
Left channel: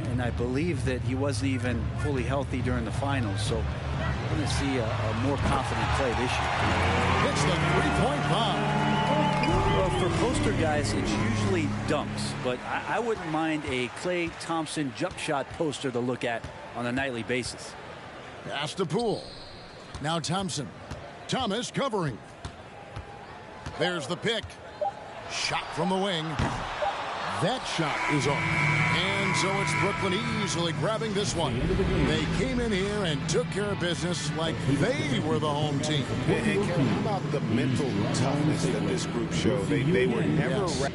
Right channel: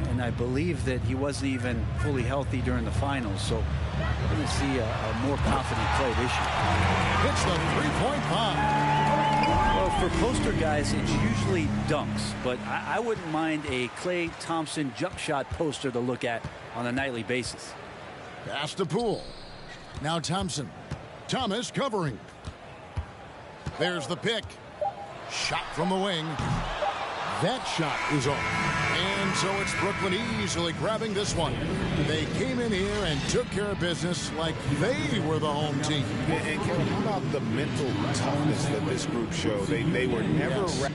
And I believe that he wasn't even fully healthy during the finals, so we're going to see a more confident Klay this year. Hits the three-point bomb. Well, for poster guys, it's usually dunks, but I wouldn't mind a Klay Thompson jump shot poster to look at on a nightly basis. Pass to Poole. Now Thompson. Thomas covering. There's the pick. Shot from the wing. That shot is off. And so it's Brooklyn easily grabbing this one. They came in here and took care of business like they were the home team. And Kevin, how about the mental toughness that this group showed? They were never... Yes.